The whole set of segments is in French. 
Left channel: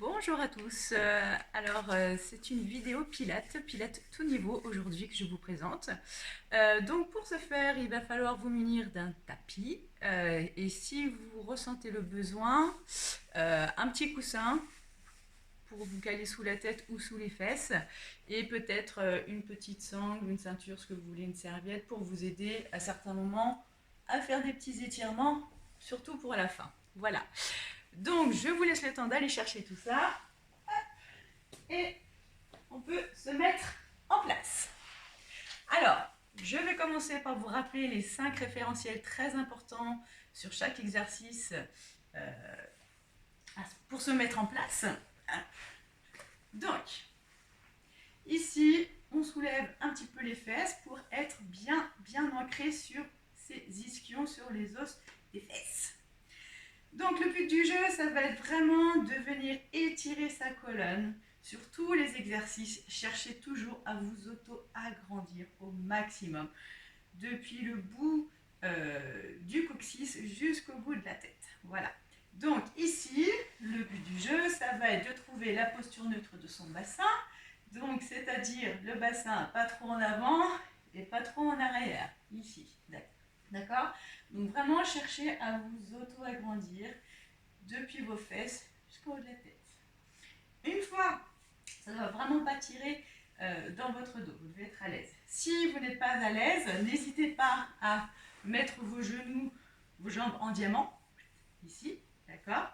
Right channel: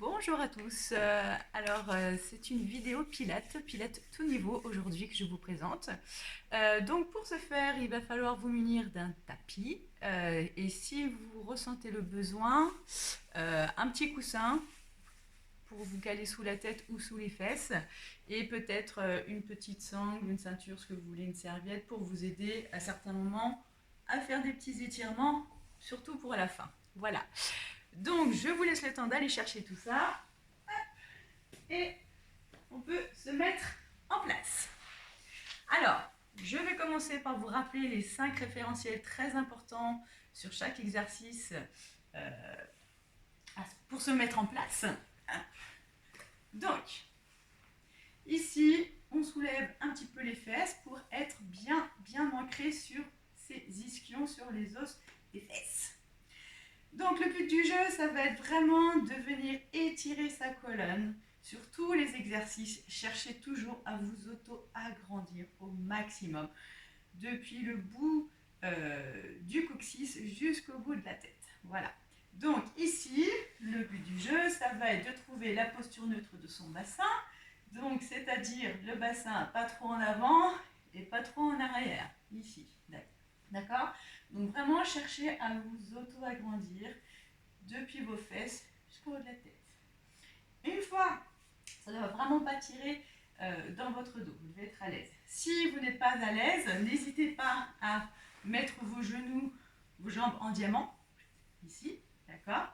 Bonjour à tous. C'est une vidéo Pilates tout niveau aujourd'hui que je vous présente. Donc pour ce faire, il va falloir vous munir d'un tapis et si vous ressentez le besoin, un petit coussin pour vous caler sous la tête ou sous les fesses et peut-être une petite sangle, une ceinture, ce que vous voulez, une serviette pour vous aider à certains moments à faire des petits étirements, surtout pour la fin. Voilà. Donc, je vous laisse le temps d'aller chercher tout ça. Et on peut se mettre en place. Alors, je vais commencer par vous rappeler les 5 référentiels très importants sur chaque exercice pour se mettre en place. Donc, ici, on soulève un petit peu les fesses pour être bien ancré sur ces ischions, sur les os des fesses. Donc le but du jeu, ça va être vraiment de venir étirer sa colonne sur tous les exercices. Cherchez toujours à vous auto-agrandir au maximum, depuis le bout du coccyx jusqu'au bout de la tête. Voilà. Donc ici, le but du jeu, ça va être de trouver la posture neutre de son bassin. Donc c'est-à-dire le bassin pas trop en avant et pas trop en arrière. Ici, d'accord? Donc vraiment cherchez à vous auto-agrandir depuis vos fesses jusqu'au haut de la tête. Une fois, ça ne va vraiment pas tirer dans votre dos, vous devez être à l'aise. Si vous n'êtes pas à l'aise, n'hésitez pas à mettre vos genoux, vos jambes en diamant, ici, d'accord?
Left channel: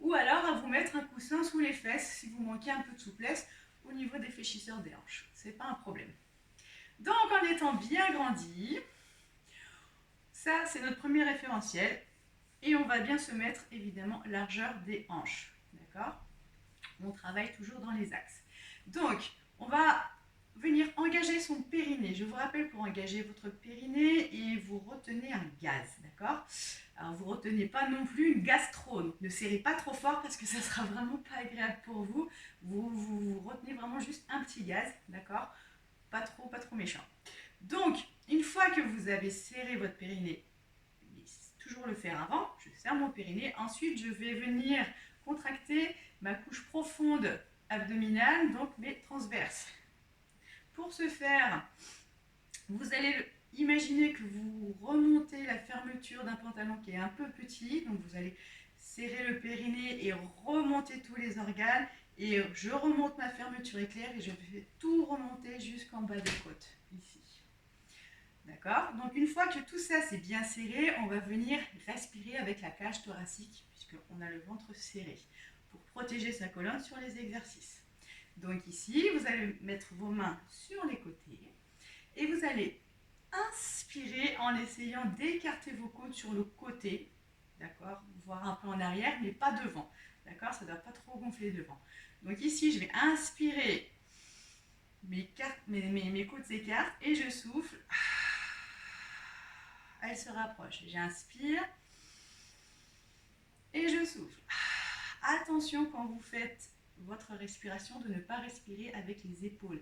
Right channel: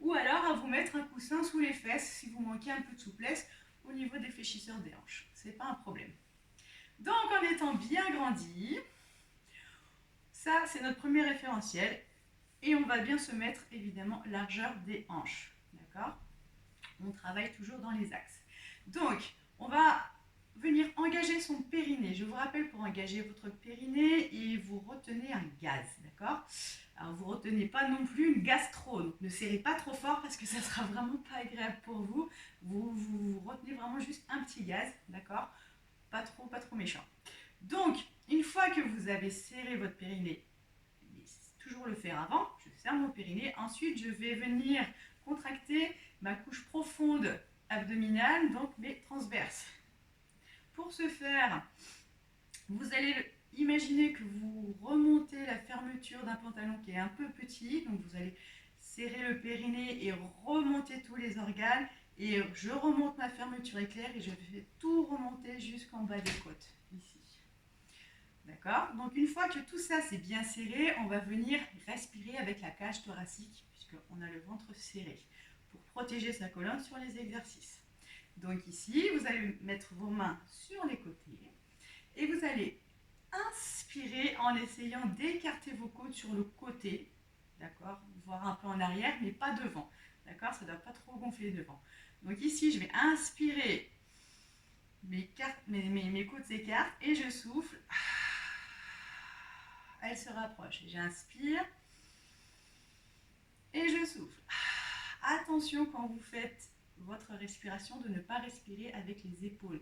Ou alors à vous mettre un coussin sous les fesses si vous manquez un peu de souplesse au niveau des fléchisseurs des hanches. C'est pas un problème. Donc en étant bien grandi, ça c'est notre premier référentiel. Et on va bien se mettre évidemment largeur des hanches. D'accord? On travaille toujours dans les axes. Donc, on va venir engager son périnée. Je vous rappelle, pour engager votre périnée, et vous retenez un gaz. D'accord? Alors, vous ne retenez pas non plus une gastro. Ne serrez pas trop fort parce que ça ne sera vraiment pas agréable pour vous. Vous retenez vraiment juste un petit gaz. D'accord? Pas trop méchant. Donc, une fois que vous avez serré votre périnée, toujours le faire avant, je serre mon périnée, ensuite je vais venir contracter ma couche profonde abdominale, donc mes transverses. Pour ce faire, vous allez imaginer que vous remontez la fermeture d'un pantalon qui est un peu petit, donc vous allez serrer le périnée et remonter tous les organes, et je remonte ma fermeture éclair et je fais tout remonter jusqu'en bas des côtes, ici. D'accord? Donc une fois que tout ça c'est bien serré, on va venir respirer avec la cage thoracique puisqu'on a le ventre serré pour protéger sa colonne sur les exercices. Donc ici, vous allez mettre vos mains sur les côtés et vous allez inspirer en essayant d'écarter vos côtes sur le côté, d'accord? Voire un peu en arrière, mais pas devant, d'accord? Ça ne doit pas trop gonfler devant. Donc ici, je vais inspirer, mes côtes s'écartent et je souffle. Elle se rapproche. J'inspire et je souffle. Attention quand vous faites votre respiration de ne pas respirer avec les épaules.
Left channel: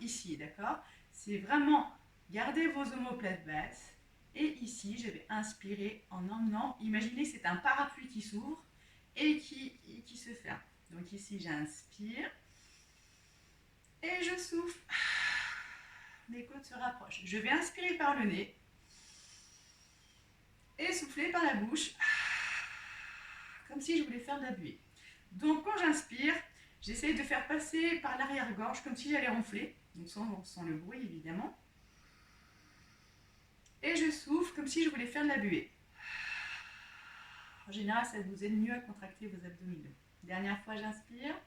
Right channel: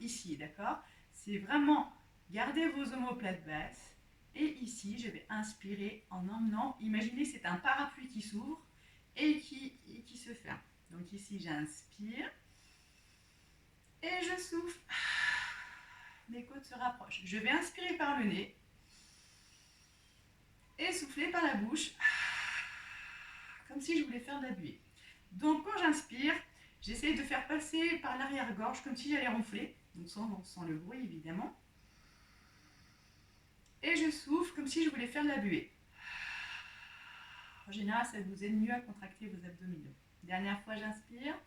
Ici, d'accord? C'est vraiment garder vos omoplates basses. Et ici, je vais inspirer en emmenant. Imaginez que c'est un parapluie qui s'ouvre et qui se ferme. Donc ici, j'inspire et je souffle. Mes côtes se rapprochent. Je vais inspirer par le nez et souffler par la bouche, comme si je voulais faire de la buée. Donc quand j'inspire, j'essaye de faire passer par l'arrière-gorge, comme si j'allais ronfler, donc sans le bruit évidemment. Et je souffle comme si je voulais faire de la buée. En général, ça vous aide mieux à contracter vos abdominaux. Dernière fois, j'inspire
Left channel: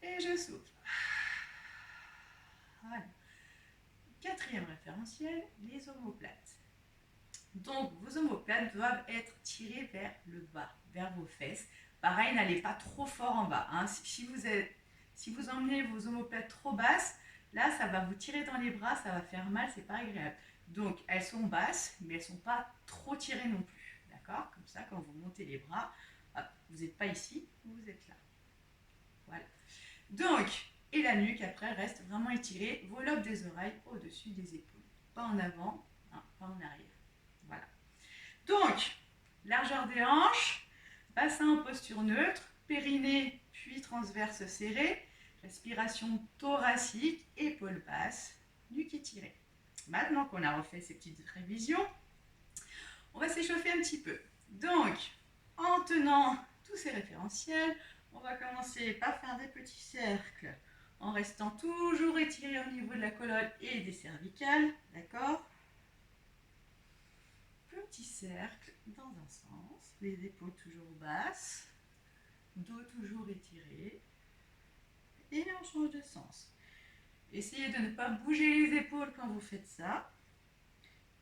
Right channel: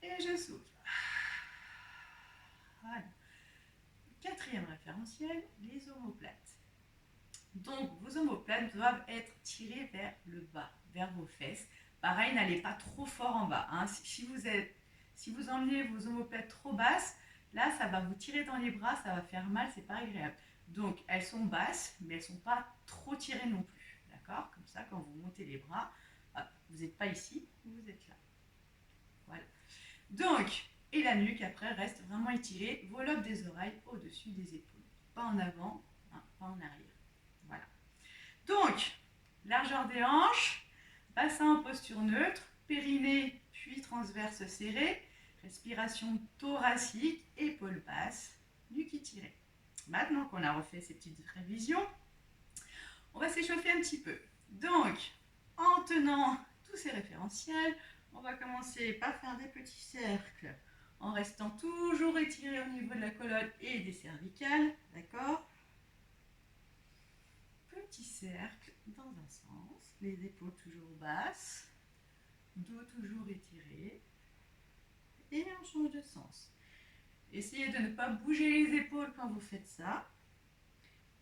et je souffle. Voilà. Quatrième référentiel, les omoplates. Donc, vos omoplates doivent être tirées vers le bas, vers vos fesses. Pareil, n'allez pas trop fort en bas. Hein. Si vous emmenez vos omoplates trop basses, là, ça va vous tirer dans les bras, ça va faire mal, c'est pas agréable. Donc, elles sont basses, mais elles ne sont pas trop tirées non plus. D'accord? Comme ça, quand vous montez les bras, hop, vous n'êtes pas ici, vous êtes là. Voilà. Donc, et la nuque, après, reste vraiment étirée. Vos lobes des oreilles au-dessus des épaules. Pas en avant, hein, pas en arrière. Voilà. Donc, largeur des hanches. Bassin en posture neutre, périnée puis transverse serré, respiration thoracique, épaules basses, nuque étirée. Maintenant qu'on a refait ces petites révisions, on va s'échauffer un petit peu. Donc, en tenant tous ces référentiels, on va commencer par faire des petits cercles en restant toujours étiré au niveau de la colonne et des cervicales, d'accord? Petit cercle dans un sens, les épaules toujours basses, dos toujours étiré, et on change de sens. Essayez de ne pas bouger les épaules quand vous faites ça,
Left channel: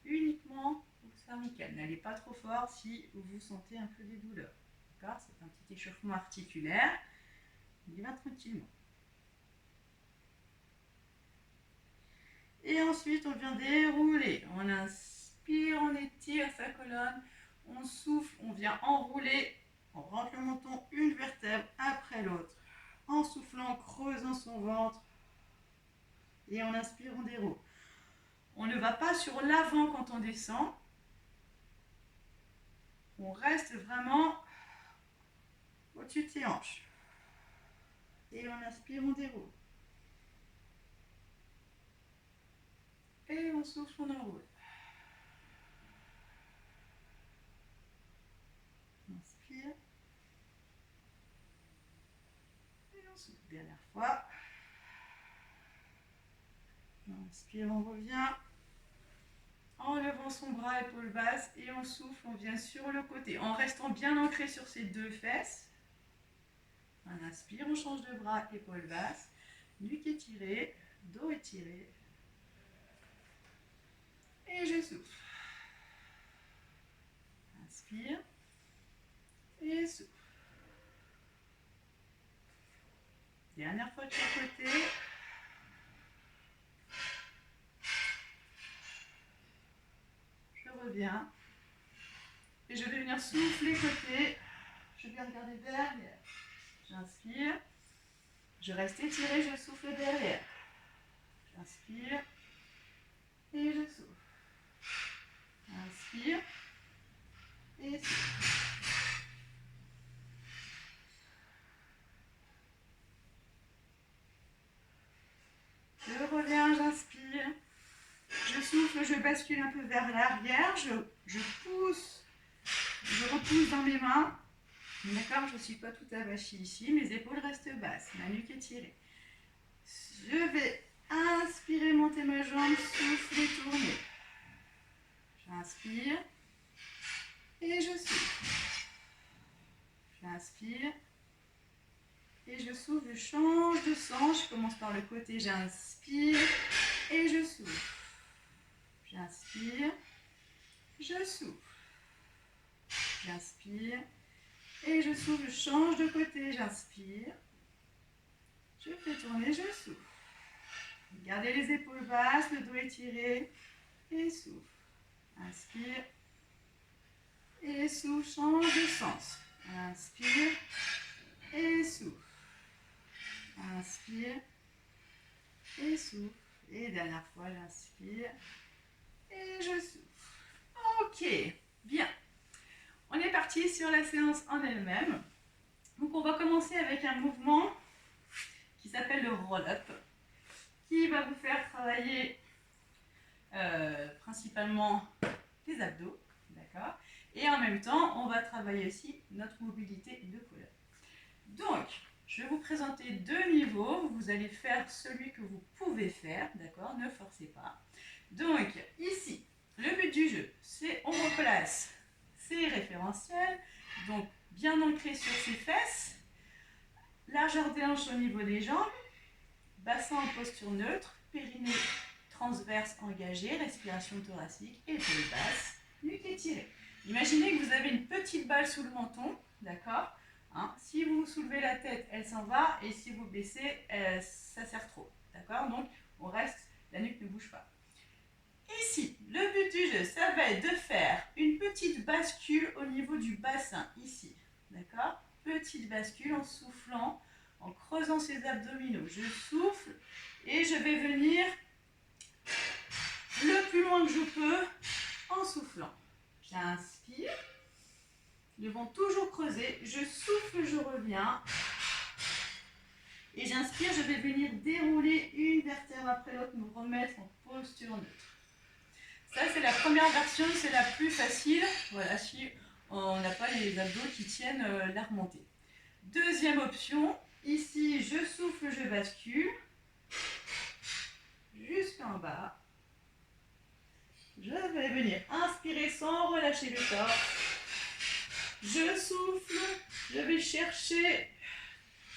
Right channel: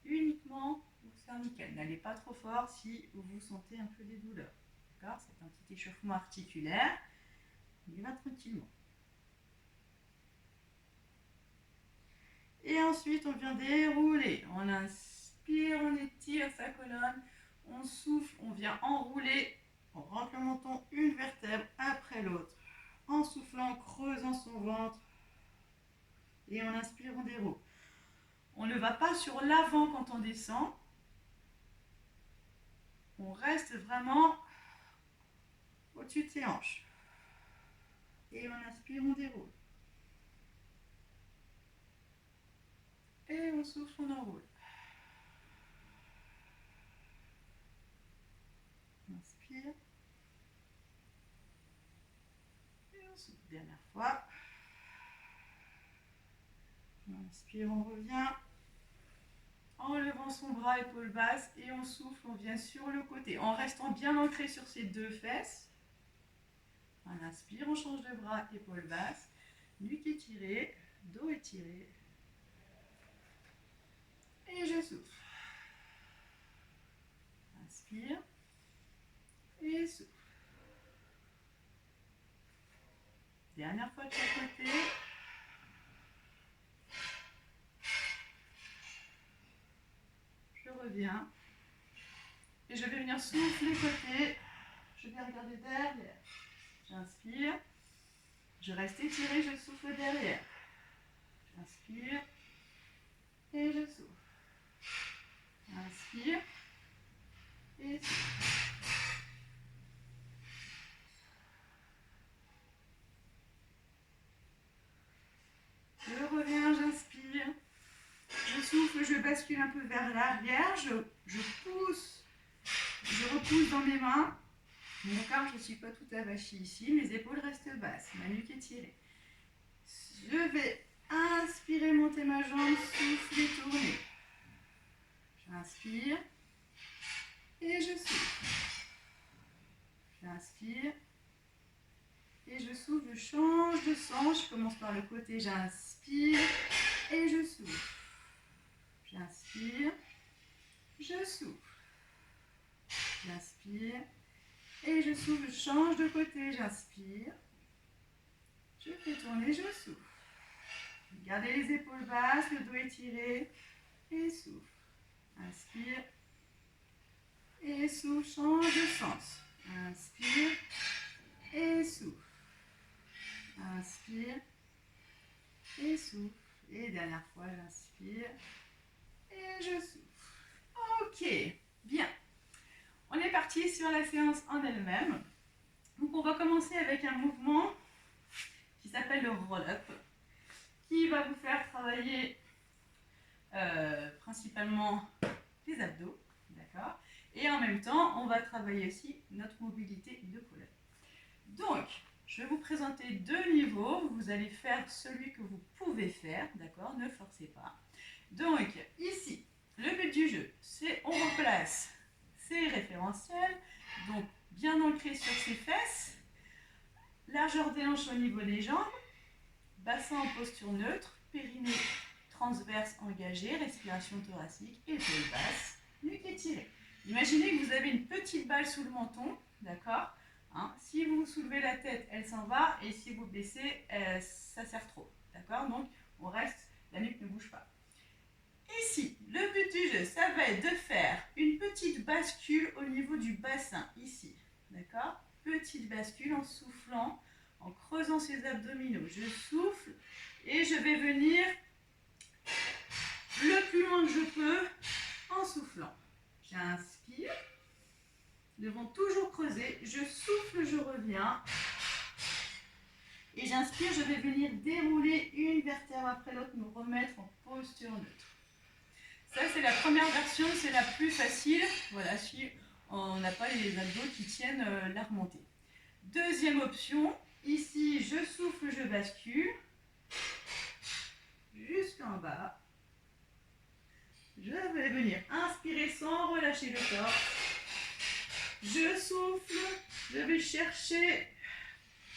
uniquement aux cervicales. N'allez pas trop fort si vous sentez un peu des douleurs. D'accord? C'est un petit échauffement articulaire. On y va tranquillement. Et ensuite, on vient dérouler. On inspire, on étire sa colonne. On souffle, on vient enrouler. On rentre le menton une vertèbre après l'autre. En soufflant, en creusant son ventre. Et on inspire, on déroule. On ne va pas sur l'avant quand on descend. On reste vraiment au-dessus de ses hanches. Et on inspire, on déroule. Et on souffle, on enroule. On inspire. Et on souffle. Dernière fois. On inspire, on revient. En levant son bras, épaule basse. Et on souffle, on vient sur le côté. En restant bien ancré sur ses deux fesses. On inspire, on change de bras, épaule basse. Nuque étirée, dos étiré. Et je souffle. Inspire. Et souffle. Dernière fois de chaque côté. Je reviens. Et je vais venir souffler côté. Je vais regarder derrière. J'inspire. Je reste étiré, je souffle derrière. J'inspire. Et je souffle. Inspire. Et souffle. Je reviens, j'inspire. Je souffle, je bascule un peu vers l'arrière. Je pousse. Je repousse dans mes mains. D'accord, je ne suis pas tout avachie ici. Mes épaules restent basses. Ma nuque est tirée. Je vais inspirer, monter ma jambe, souffler, tourner. J'inspire. Et je souffle. J'inspire. Et je souffle, je change de sens. Je commence par le côté, j'inspire. Et je souffle. J'inspire. Je souffle. J'inspire. Et je souffle, je change de côté, j'inspire. Je fais tourner, je souffle. Gardez les épaules basses, le dos étiré. Et souffle. Inspire. Et souffle, change de sens. Inspire. Et souffle. Inspire. Et souffle. Et dernière fois, j'inspire. Et je souffle. Ok, bien. On est parti sur la séance en elle-même. Donc on va commencer avec un mouvement qui s'appelle le roll-up, qui va vous faire travailler principalement les abdos, d'accord? Et en même temps, on va travailler aussi notre mobilité de colonne. Donc, je vais vous présenter deux niveaux. Vous allez faire celui que vous pouvez faire, d'accord? Ne forcez pas. Donc, ici, le but du jeu, c'est on replace ses référentiels, donc bien ancré sur ses fesses, largeur des hanches au niveau des jambes, bassin en posture neutre, périnée transverse engagé, respiration thoracique, épaules basses, nuque étirée. Imaginez que vous avez une petite balle sous le menton, d'accord, hein, si vous soulevez la tête, elle s'en va, et si vous baissez, ça serre trop, d'accord. Donc, on reste, la nuque ne bouge pas. Ici, le but du jeu, ça va être de faire une petite bascule au niveau du bassin, ici, d'accord. Petite bascule en soufflant, en creusant ses abdominaux. Je souffle et je vais venir le plus loin que je peux en soufflant. J'inspire, devons toujours creuser. Je souffle, je reviens. Et j'inspire, je vais venir dérouler une vertèbre après l'autre, me remettre en posture neutre. Ça, c'est la première version, c'est la plus facile. Voilà, si on n'a pas les abdos qui tiennent la remontée. Deuxième option, ici, je souffle, je bascule. Jusqu'en bas. Je vais venir inspirer sans relâcher le corps. Je souffle, je vais chercher,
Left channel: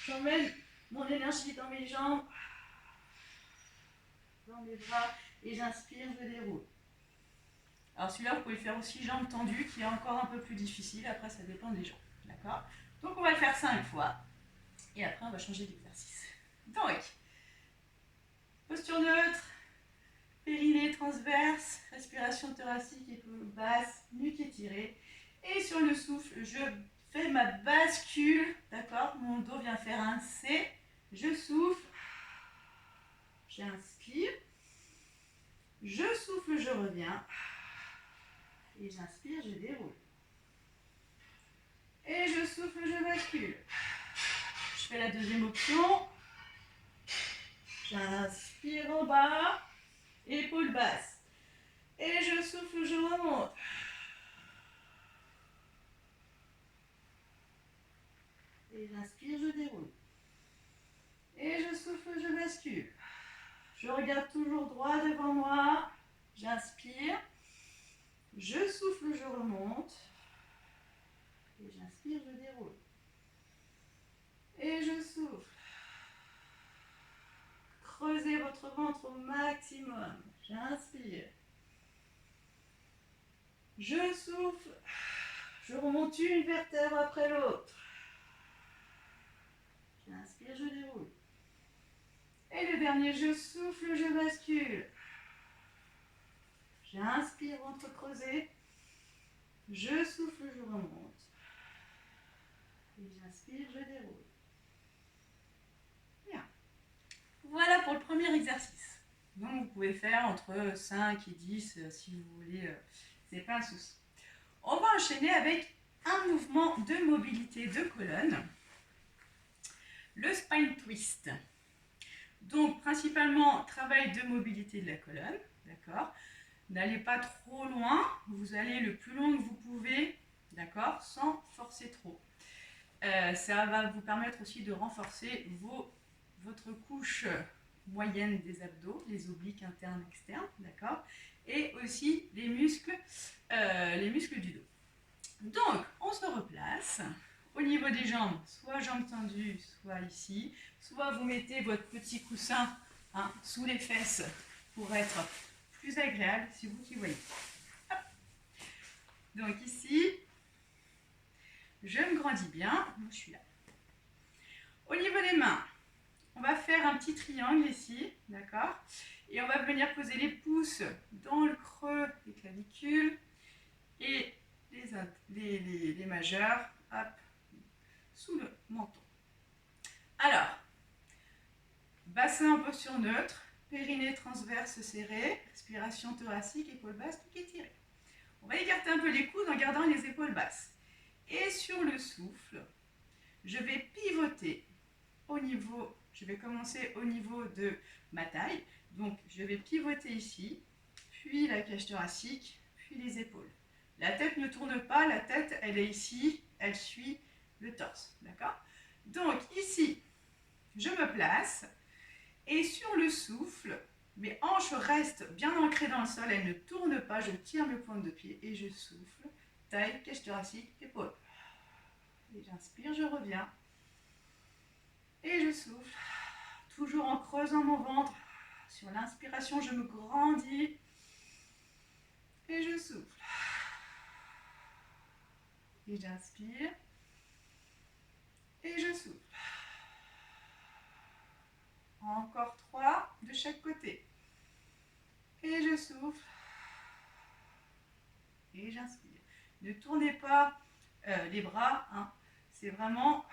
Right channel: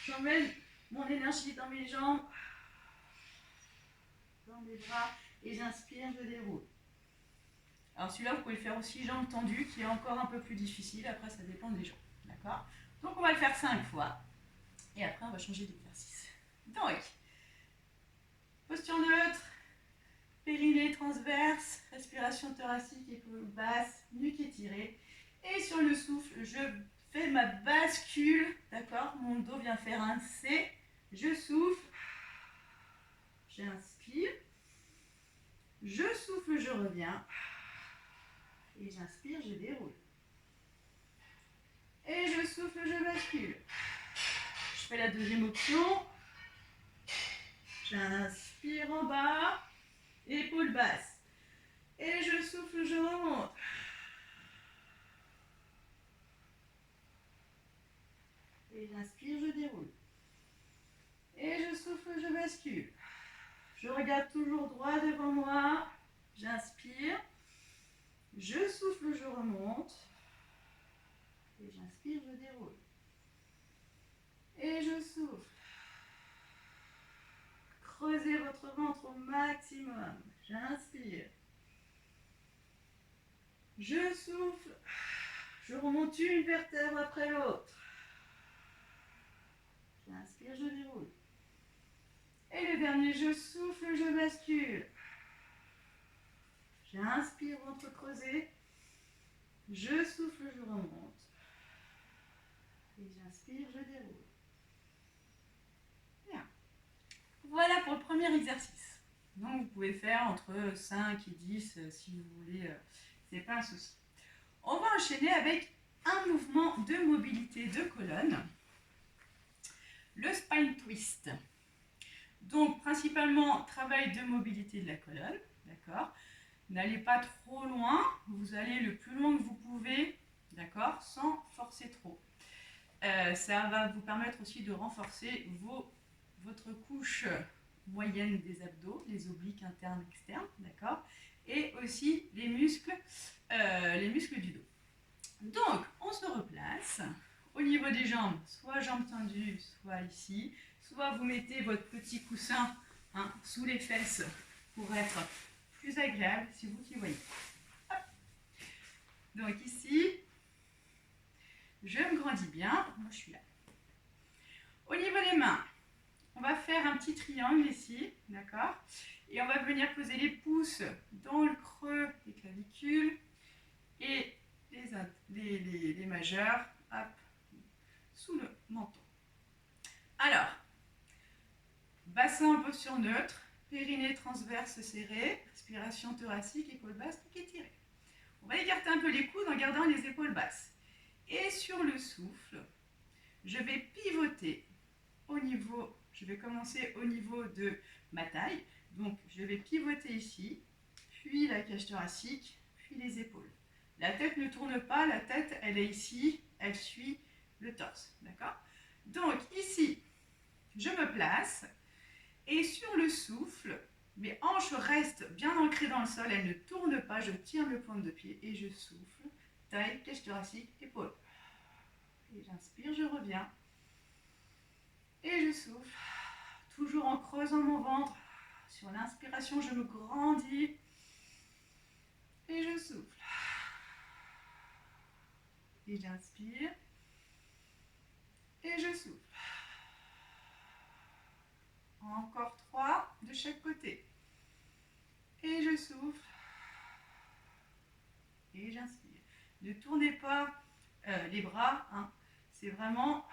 j'emmène mon énergie dans mes jambes, dans mes bras, et j'inspire, je déroule. Alors celui-là, vous pouvez le faire aussi jambes tendues, qui est encore un peu plus difficile. Après, ça dépend des gens. D'accord? Donc, on va le faire 5 fois. Et après, on va changer d'exercice. Donc, posture neutre, périnée transverse, respiration thoracique, épaule basse, nuque étirée. Et sur le souffle, je fais ma bascule. D'accord? Mon dos vient faire un C. Je souffle. J'inspire. Je souffle, je reviens. Et j'inspire, je déroule. Et je souffle, je bascule. Je fais la deuxième option. J'inspire en bas, épaule basse. Et je souffle, je remonte. Et j'inspire, je déroule. Et je souffle, je bascule. Je regarde toujours droit devant moi. J'inspire. Je souffle, je remonte. Et j'inspire, je déroule. Et je souffle. Creusez votre ventre au maximum. J'inspire. Je souffle. Je remonte une vertèbre après l'autre. J'inspire, je déroule. Et le dernier, je souffle, je bascule. J'inspire, ventre creusé. Je souffle, je remonte. Et j'inspire, je déroule. Bien. Voilà pour le premier exercice. Donc vous pouvez faire entre 5 et 10 si vous voulez, c'est pas un souci. On va enchaîner avec un mouvement de mobilité de colonne, le spine twist. Donc principalement travail de mobilité de la colonne, d'accord? N'allez pas trop loin, vous allez le plus loin que vous pouvez, d'accord? Sans forcer trop. Ça va vous permettre aussi de renforcer votre couche moyenne des abdos, les obliques internes, externes, d'accord? Et aussi les muscles du dos. Donc, on se replace au niveau des jambes, soit jambes tendues, soit ici, soit vous mettez votre petit coussin sous les fesses pour être plus agréable, c'est vous qui voyez. Hop. Donc ici, je me grandis bien, moi je suis là. Au niveau des mains, on va faire un petit triangle ici, d'accord? Et on va venir poser les pouces dans le creux des clavicules et les majeurs, hop, sous le menton. Alors, bassin en posture neutre, périnée transverse serré, respiration thoracique, épaule basse, tout étiré. On va écarter un peu les coudes en gardant les épaules basses. Et sur le souffle, je vais pivoter je vais commencer au niveau de ma taille. Donc, je vais pivoter ici, puis la cage thoracique, puis les épaules. La tête ne tourne pas, la tête, elle est ici, elle suit le torse, d'accord? Donc, ici, je me place, et sur le souffle, mes hanches restent bien ancrées dans le sol, elles ne tournent pas, je tire mes pointes de pied, et je souffle, taille, cage thoracique, épaule. Et j'inspire, je reviens. Et je souffle, toujours en creusant mon ventre. Sur l'inspiration, je me grandis. Et je souffle. Et j'inspire. Et je souffle. Encore 3 de chaque côté. Et je souffle. Et j'inspire. Ne tournez pas les bras. C'est vraiment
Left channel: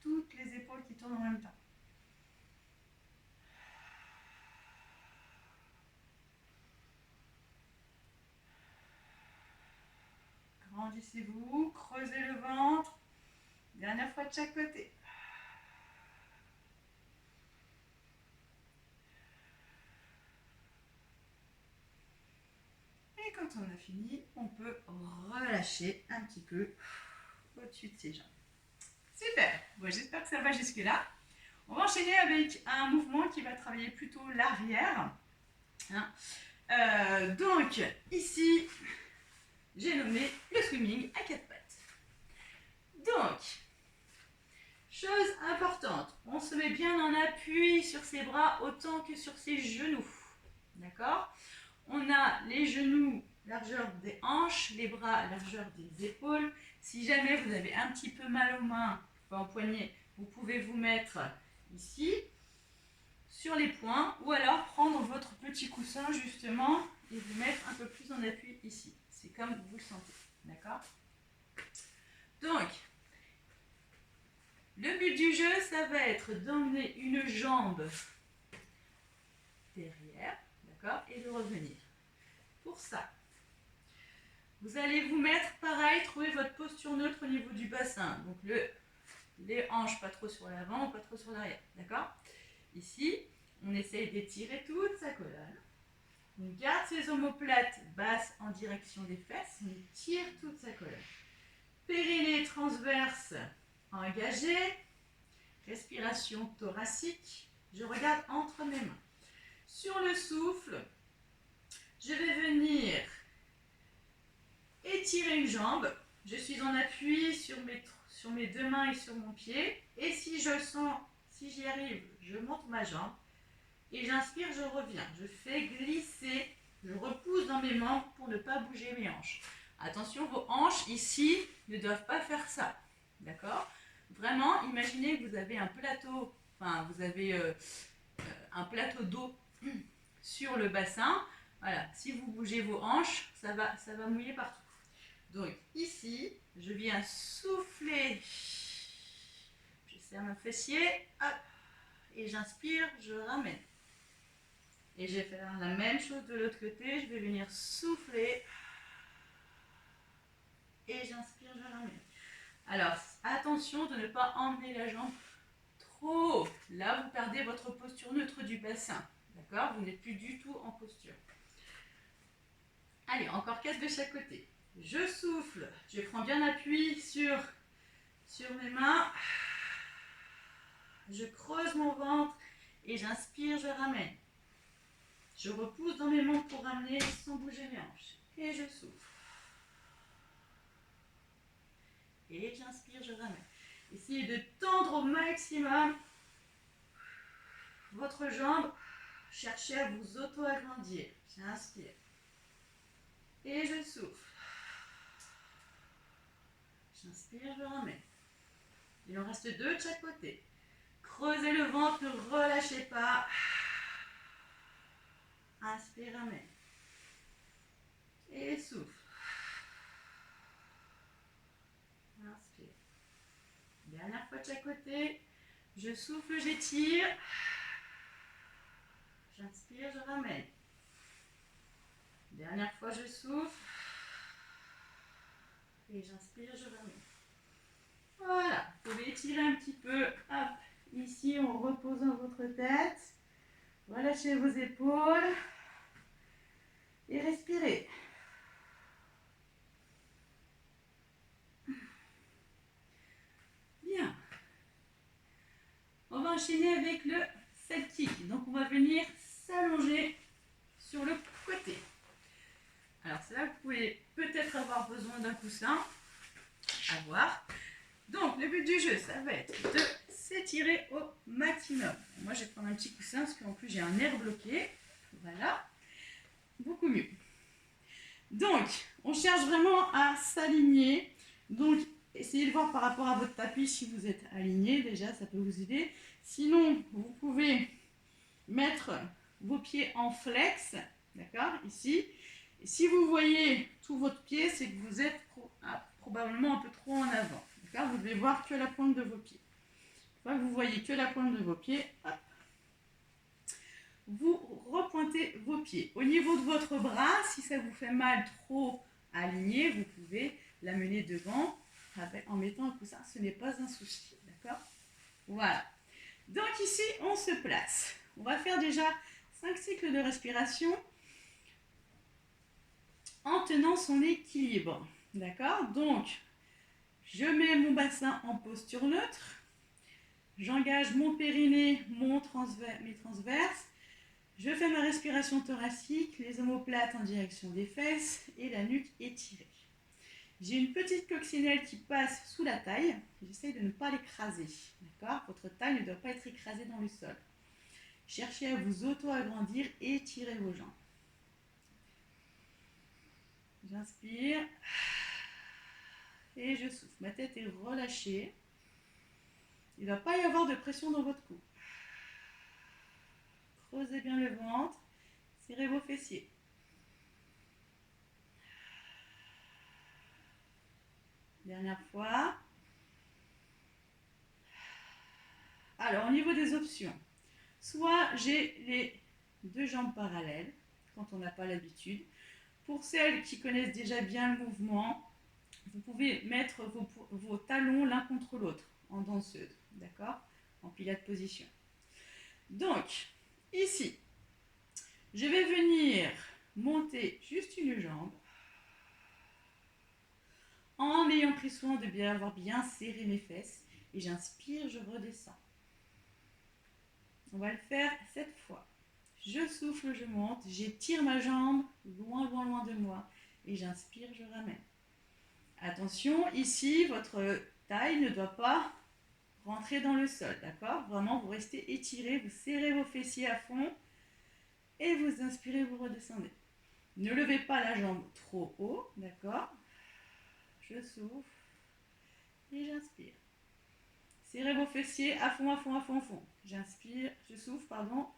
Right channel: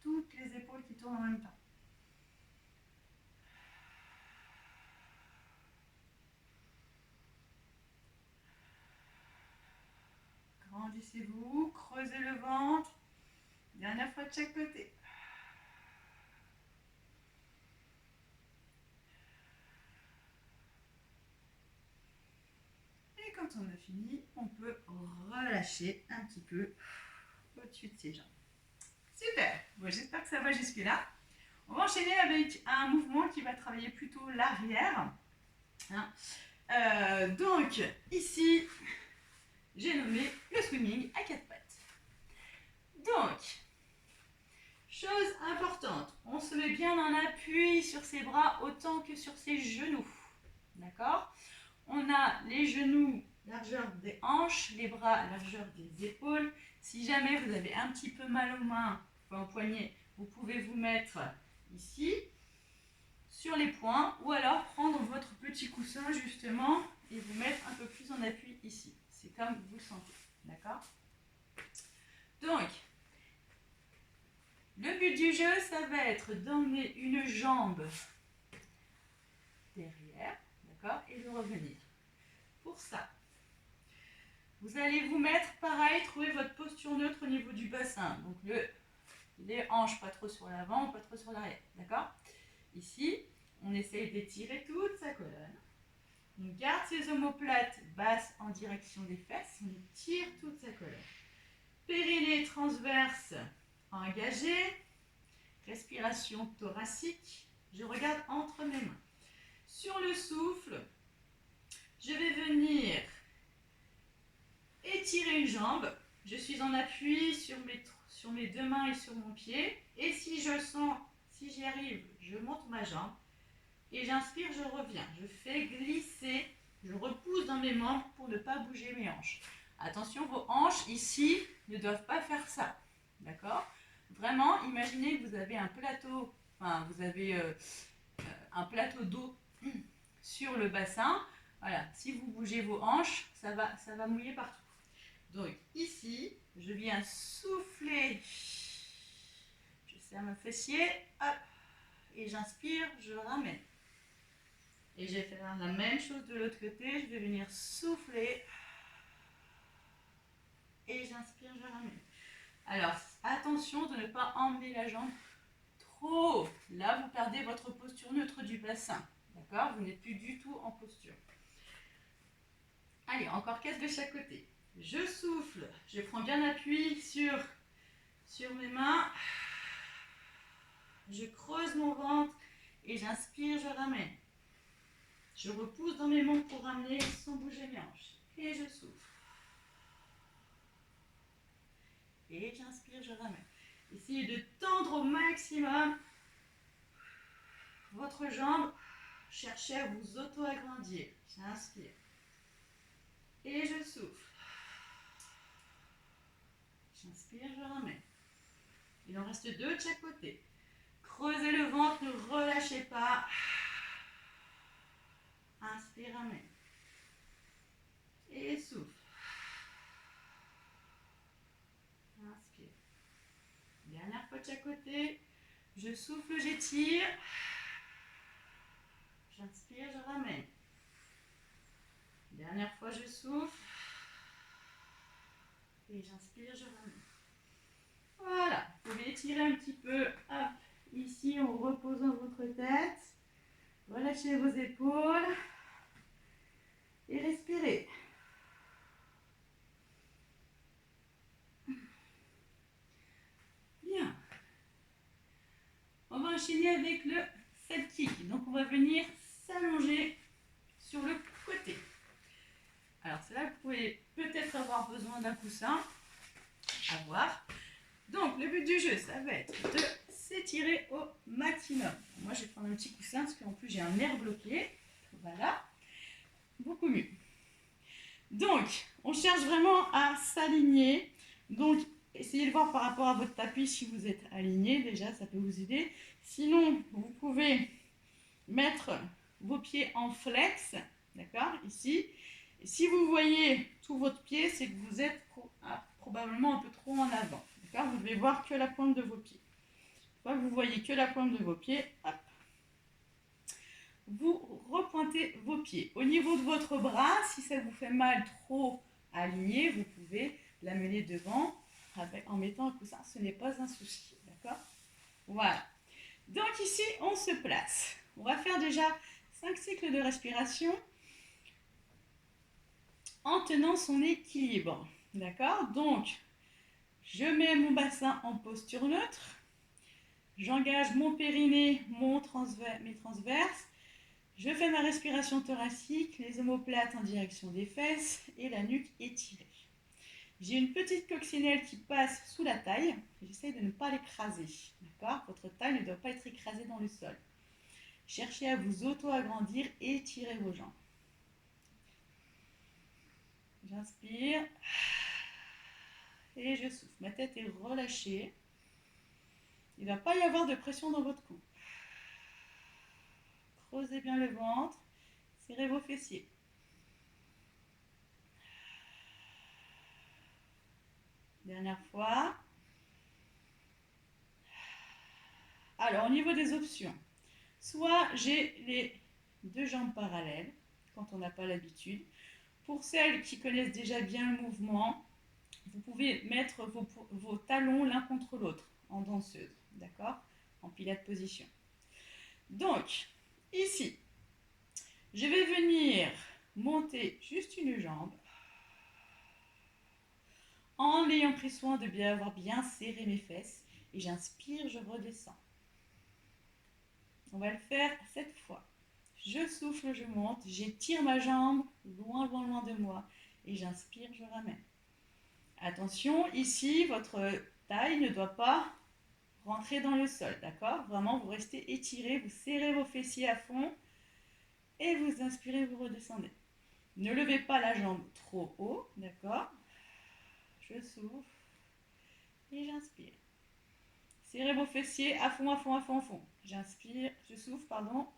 toutes les épaules qui tournent en même temps. Grandissez-vous, creusez le ventre. Dernière fois de chaque côté. Et quand on a fini, on peut relâcher un petit peu au-dessus de ses jambes. Super. Bon, j'espère que ça va jusque-là. On va enchaîner avec un mouvement qui va travailler plutôt l'arrière. Donc, ici, j'ai nommé le swimming à 4 pattes. Donc, chose importante, on se met bien en appui sur ses bras autant que sur ses genoux. D'accord? On a les genoux largeur des hanches, les bras largeur des épaules. Si jamais vous avez un petit peu mal aux mains, aux poignets, vous pouvez vous mettre ici, sur les poings, ou alors prendre votre petit coussin justement et vous mettre un peu plus en appui ici. C'est comme vous le sentez. D'accord? Donc, le but du jeu, ça va être d'emmener une jambe derrière, d'accord, et de revenir. Pour ça, vous allez vous mettre pareil, trouver votre posture neutre au niveau du bassin. Donc les hanches pas trop sur l'avant, pas trop sur l'arrière, d'accord? Ici, on essaye d'étirer toute sa colonne. On garde ses omoplates basses en direction des fesses, on étire toute sa colonne. Périnée transverse engagé, respiration thoracique, je regarde entre mes mains. Sur le souffle, je vais venir étirer une jambe, je suis en appui sur mes deux mains et sur mon pied, et si je sens, si j'y arrive, je monte ma jambe, et j'inspire, je reviens, je fais glisser, je repousse dans mes membres pour ne pas bouger mes hanches. Attention, vos hanches ici ne doivent pas faire ça, d'accord? Vraiment, imaginez que vous avez un plateau, un plateau d'eau sur le bassin. Voilà, si vous bougez vos hanches, ça va mouiller partout. Donc ici, je viens souffler, je serre mon fessier, hop, et j'inspire, je ramène. Et je vais faire la même chose de l'autre côté, je vais venir souffler, et j'inspire, je ramène. Alors, attention de ne pas emmener la jambe trop haut. Là, vous perdez votre posture neutre du bassin. D'accord? Vous n'êtes plus du tout en posture. Allez, encore 4 de chaque côté. Je souffle, je prends bien appui sur mes mains. Je creuse mon ventre et j'inspire, je ramène. Je repousse dans mes membres pour ramener sans bouger mes hanches. Et je souffle. Et j'inspire, je ramène. Essayez de tendre au maximum votre jambe. Cherchez à vous auto-agrandir. J'inspire. Et je souffle. J'inspire, je ramène. Il en reste 2 de chaque côté. Creusez le ventre, ne relâchez pas. Inspire, ramène. Et souffle. Inspire. Dernière fois de chaque côté. Je souffle, j'étire. J'inspire, je ramène. Dernière fois, je souffle. Et j'inspire, je ramène. Voilà, vous pouvez étirer un petit peu. Hop, ici, en reposant votre tête. Relâchez vos épaules. Et respirez. Bien. On va enchaîner avec le side kick. Donc, on va venir s'allonger sur le côté. Alors, c'est là que vous pouvez peut-être avoir besoin d'un coussin. À voir. Donc, le but du jeu, ça va être de s'étirer au maximum. Moi, je vais prendre un petit coussin parce qu'en plus, j'ai un nerf bloqué. Voilà. Beaucoup mieux. Donc, on cherche vraiment à s'aligner. Donc, essayez de voir par rapport à votre tapis si vous êtes aligné. Déjà, ça peut vous aider. Sinon, vous pouvez mettre vos pieds en flex. D'accord? Ici. Et si vous voyez tout votre pied, c'est que vous êtes probablement un peu trop en avant. D'accord? Vous devez voir que la pointe de vos pieds. Une fois que vous voyez que la pointe de vos pieds, hop, vous repointez vos pieds. Au niveau de votre bras, si ça vous fait mal trop aligné, vous pouvez l'amener devant en mettant un coussin, ce n'est pas un souci, d'accord? Voilà. Donc ici, on se place. On va faire déjà 5 cycles de respiration en tenant son équilibre, d'accord? Donc, je mets mon bassin en posture neutre. J'engage mon périnée, mes transverses. Je fais ma respiration thoracique, les omoplates en direction des fesses et la nuque étirée. J'ai une petite coccinelle qui passe sous la taille. J'essaye de ne pas l'écraser. D'accord? Votre taille ne doit pas être écrasée dans le sol. Cherchez à vous auto-agrandir et étirez vos jambes. J'inspire et je souffle. Ma tête est relâchée. Il ne va pas y avoir de pression dans votre cou. Creusez bien le ventre. Serrez vos fessiers. Dernière fois. Alors, au niveau des options, soit j'ai les 2 jambes parallèles, quand on n'a pas l'habitude. Pour celles qui connaissent déjà bien le mouvement, vous pouvez mettre vos talons l'un contre l'autre, en danseuse, d'accord? En pilates position. Donc, ici, je vais venir monter juste une jambe, en ayant pris soin de bien avoir bien serré mes fesses, et j'inspire, je redescends. On va le faire 7 fois. Je souffle, je monte, j'étire ma jambe loin, loin, loin de moi, et j'inspire, je ramène. Attention, ici, votre taille ne doit pas rentrer dans le sol, d'accord? Vraiment, vous restez étiré, vous serrez vos fessiers à fond, et vous inspirez, vous redescendez. Ne levez pas la jambe trop haut, d'accord? Je souffle, et j'inspire. Serrez vos fessiers à fond, à fond, à fond, à fond. J'inspire, je souffle, pardon,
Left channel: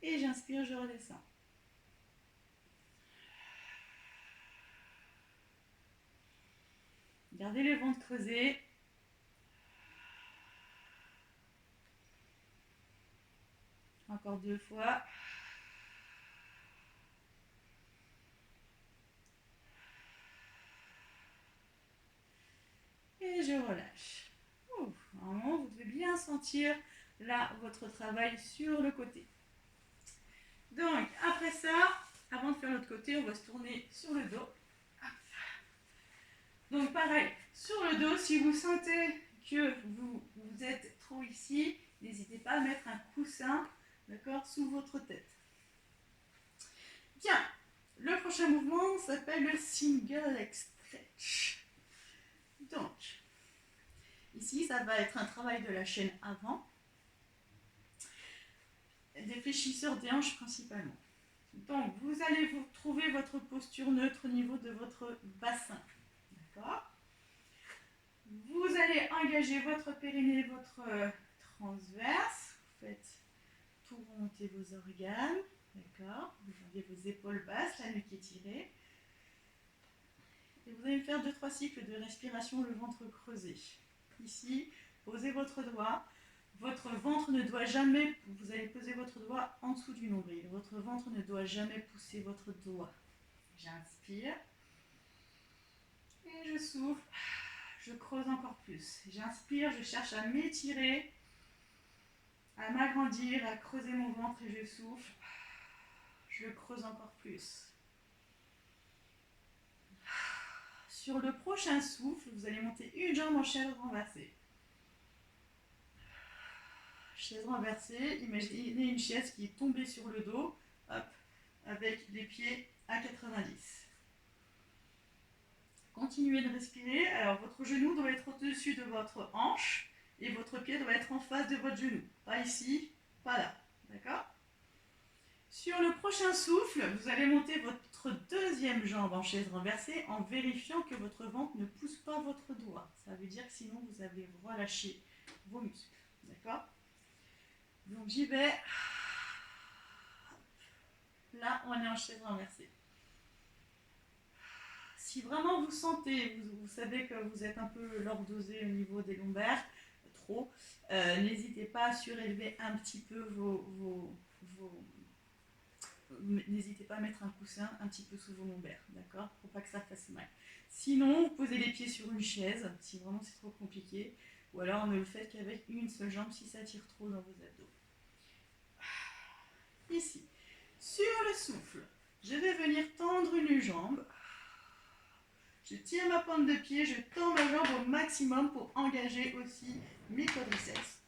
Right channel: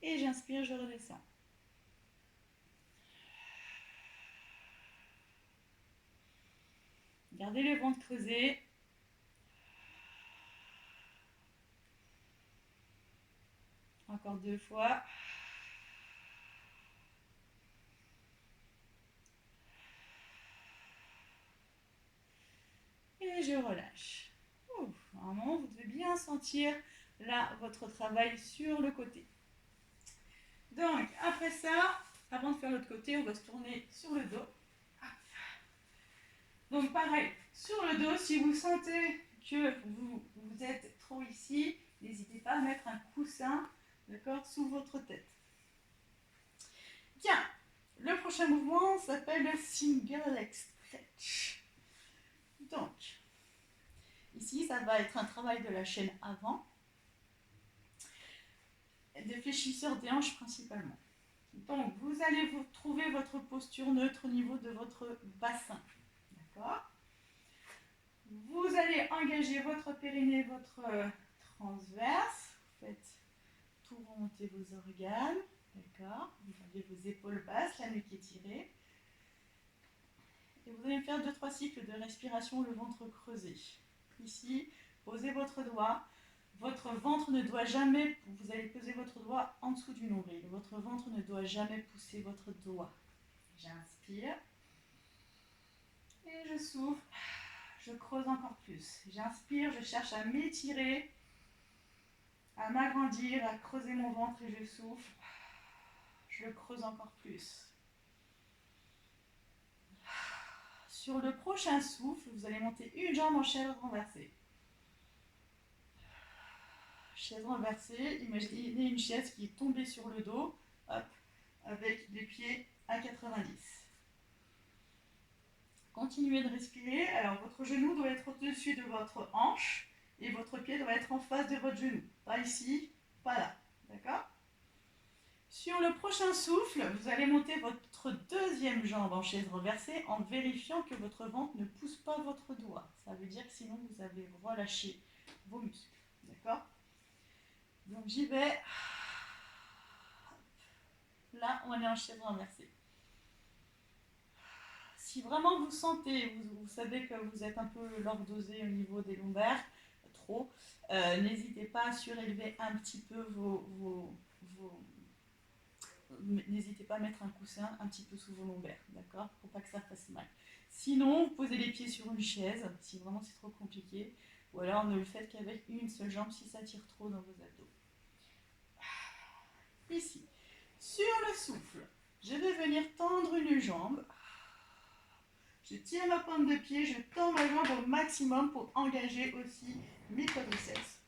et j'inspire, je redescends. Gardez le ventre creusé. Encore 2 fois. Et je relâche. Normalement, vous devez bien sentir là votre travail sur le côté. Donc, après ça, avant de faire l'autre côté, on va se tourner sur le dos. Donc, pareil, sur le dos, si vous sentez que vous êtes trop ici, n'hésitez pas à mettre un coussin, d'accord, sous votre tête. Bien, le prochain mouvement s'appelle le single leg stretch. Donc, ici, ça va être un travail de la chaîne avant, des fléchisseurs des hanches principalement. Donc, vous allez vous trouver votre posture neutre au niveau de votre bassin. D'accord? Vous allez engager votre périnée, votre transverse. Vous faites tout remonter vos organes. D'accord? Vous avez vos épaules basses, la nuque étirée. Et vous allez faire 2-3 cycles de respiration, le ventre creusé. Ici, posez votre doigt. Votre ventre ne doit jamais, vous allez poser votre doigt en dessous du nombril. Votre ventre ne doit jamais pousser votre doigt. J'inspire. Et je souffle. Je creuse encore plus. J'inspire, je cherche à m'étirer, à m'agrandir, à creuser mon ventre et je souffle. Je le creuse encore plus. Sur le prochain souffle, vous allez monter une jambe en chaise renversée. Chaise renversée, imaginez une chaise qui est tombée sur le dos, hop, avec les pieds à 90. Continuez de respirer. Alors, votre genou doit être au-dessus de votre hanche et votre pied doit être en face de votre genou. Pas ici, pas là. D'accord? Sur le prochain souffle, vous allez monter votre deuxième jambe en chaise renversée en vérifiant que votre ventre ne pousse pas votre doigt. Ça veut dire que sinon, vous avez relâché vos muscles. D'accord? Donc, j'y vais. Là, on est en chaise renversée. Si vraiment vous sentez, vous savez que vous êtes un peu lordosé au niveau des lombaires, trop, n'hésitez pas à surélever un petit peu n'hésitez pas à mettre un coussin un petit peu sous vos lombaires, d'accord? Pour pas que ça fasse mal. Sinon, vous posez les pieds sur une chaise, si vraiment c'est trop compliqué. Ou alors ne le faites qu'avec une seule jambe si ça tire trop dans vos abdos. Ici, sur le souffle, je vais venir tendre une jambe. Je tire ma pointe de pied, je tends ma jambe au maximum pour engager aussi mes quadriceps.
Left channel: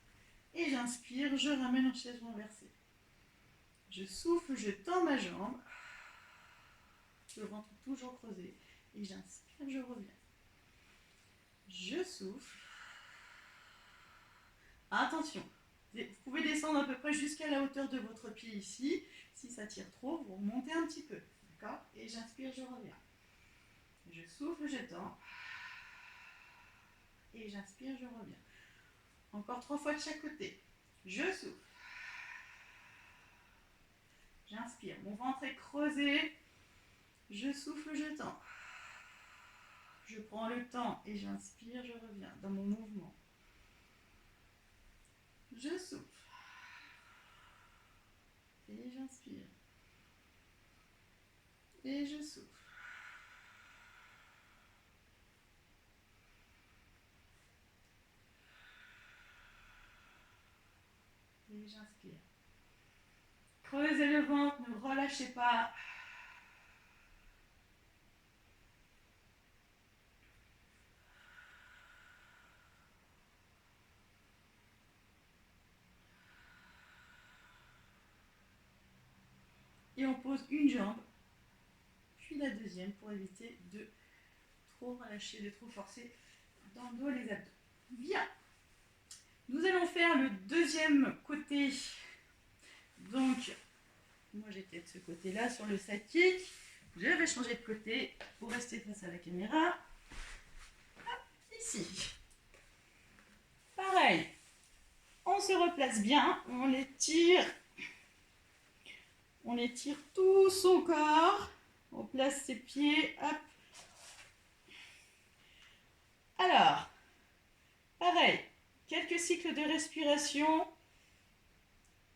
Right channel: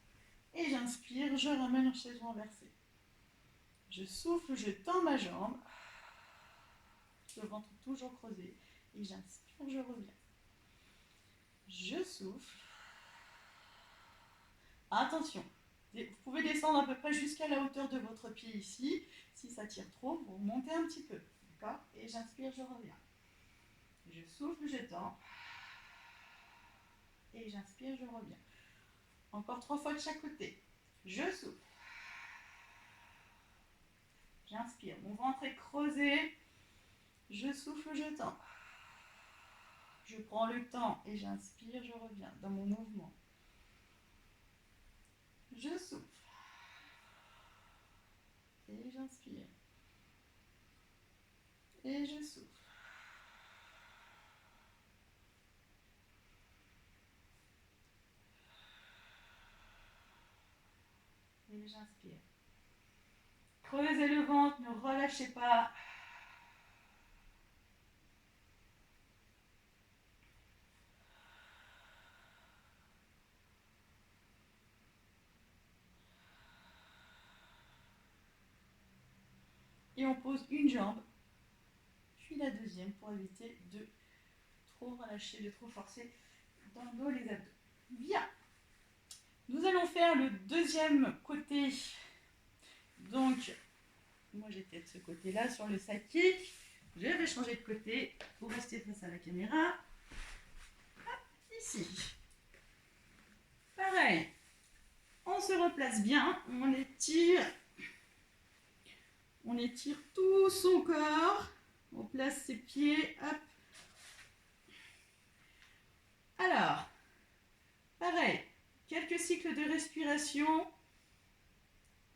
Et j'inspire, je ramène en chaise renversée. Je souffle, je tends ma jambe. Le ventre toujours creusé. Et j'inspire, je reviens. Je souffle. Attention, vous pouvez descendre à peu près jusqu'à la hauteur de votre pied ici. Si ça tire trop, vous remontez un petit peu. D'accord? Et j'inspire, je reviens. Je souffle, je tends. Et j'inspire, je reviens. Encore 3 fois de chaque côté. Je souffle. J'inspire. Mon ventre est creusé. Je souffle, je tends. Je prends le temps et j'inspire, je reviens dans mon mouvement. Je souffle. Et j'inspire. Et je souffle. Et j'inspire. Creusez le ventre, ne relâchez pas. Et on pose une jambe, puis la deuxième pour éviter de trop relâcher, de trop forcer dans le dos, les abdos. Bien. Nous allons faire le deuxième côté. Donc, moi j'étais de ce côté-là sur le side kick. Je vais changer de côté pour rester face à la caméra. Hop, ici. Pareil. On se replace bien, on étire tout son corps. On place ses pieds, hop. Alors, pareil, quelques cycles de respiration.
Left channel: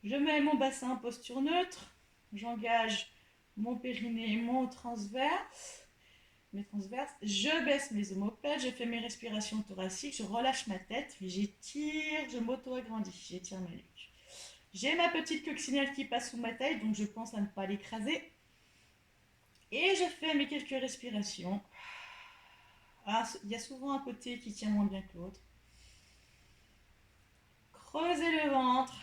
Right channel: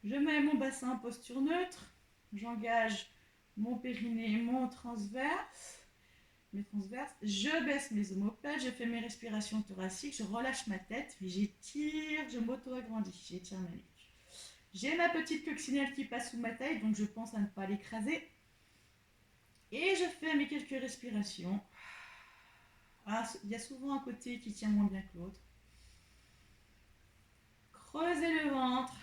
Je mets mon bassin en posture neutre. J'engage mon périnée, mon transverse. Mes transverses. Je baisse mes omoplates, je fais mes respirations thoraciques, je relâche ma tête, j'étire, je m'auto-agrandis, j'étire ma nuque. J'ai ma petite coccinelle qui passe sous ma taille, donc je pense à ne pas l'écraser. Et je fais mes quelques respirations. Ah, il y a souvent un côté qui tient moins bien que l'autre. Creusez le ventre.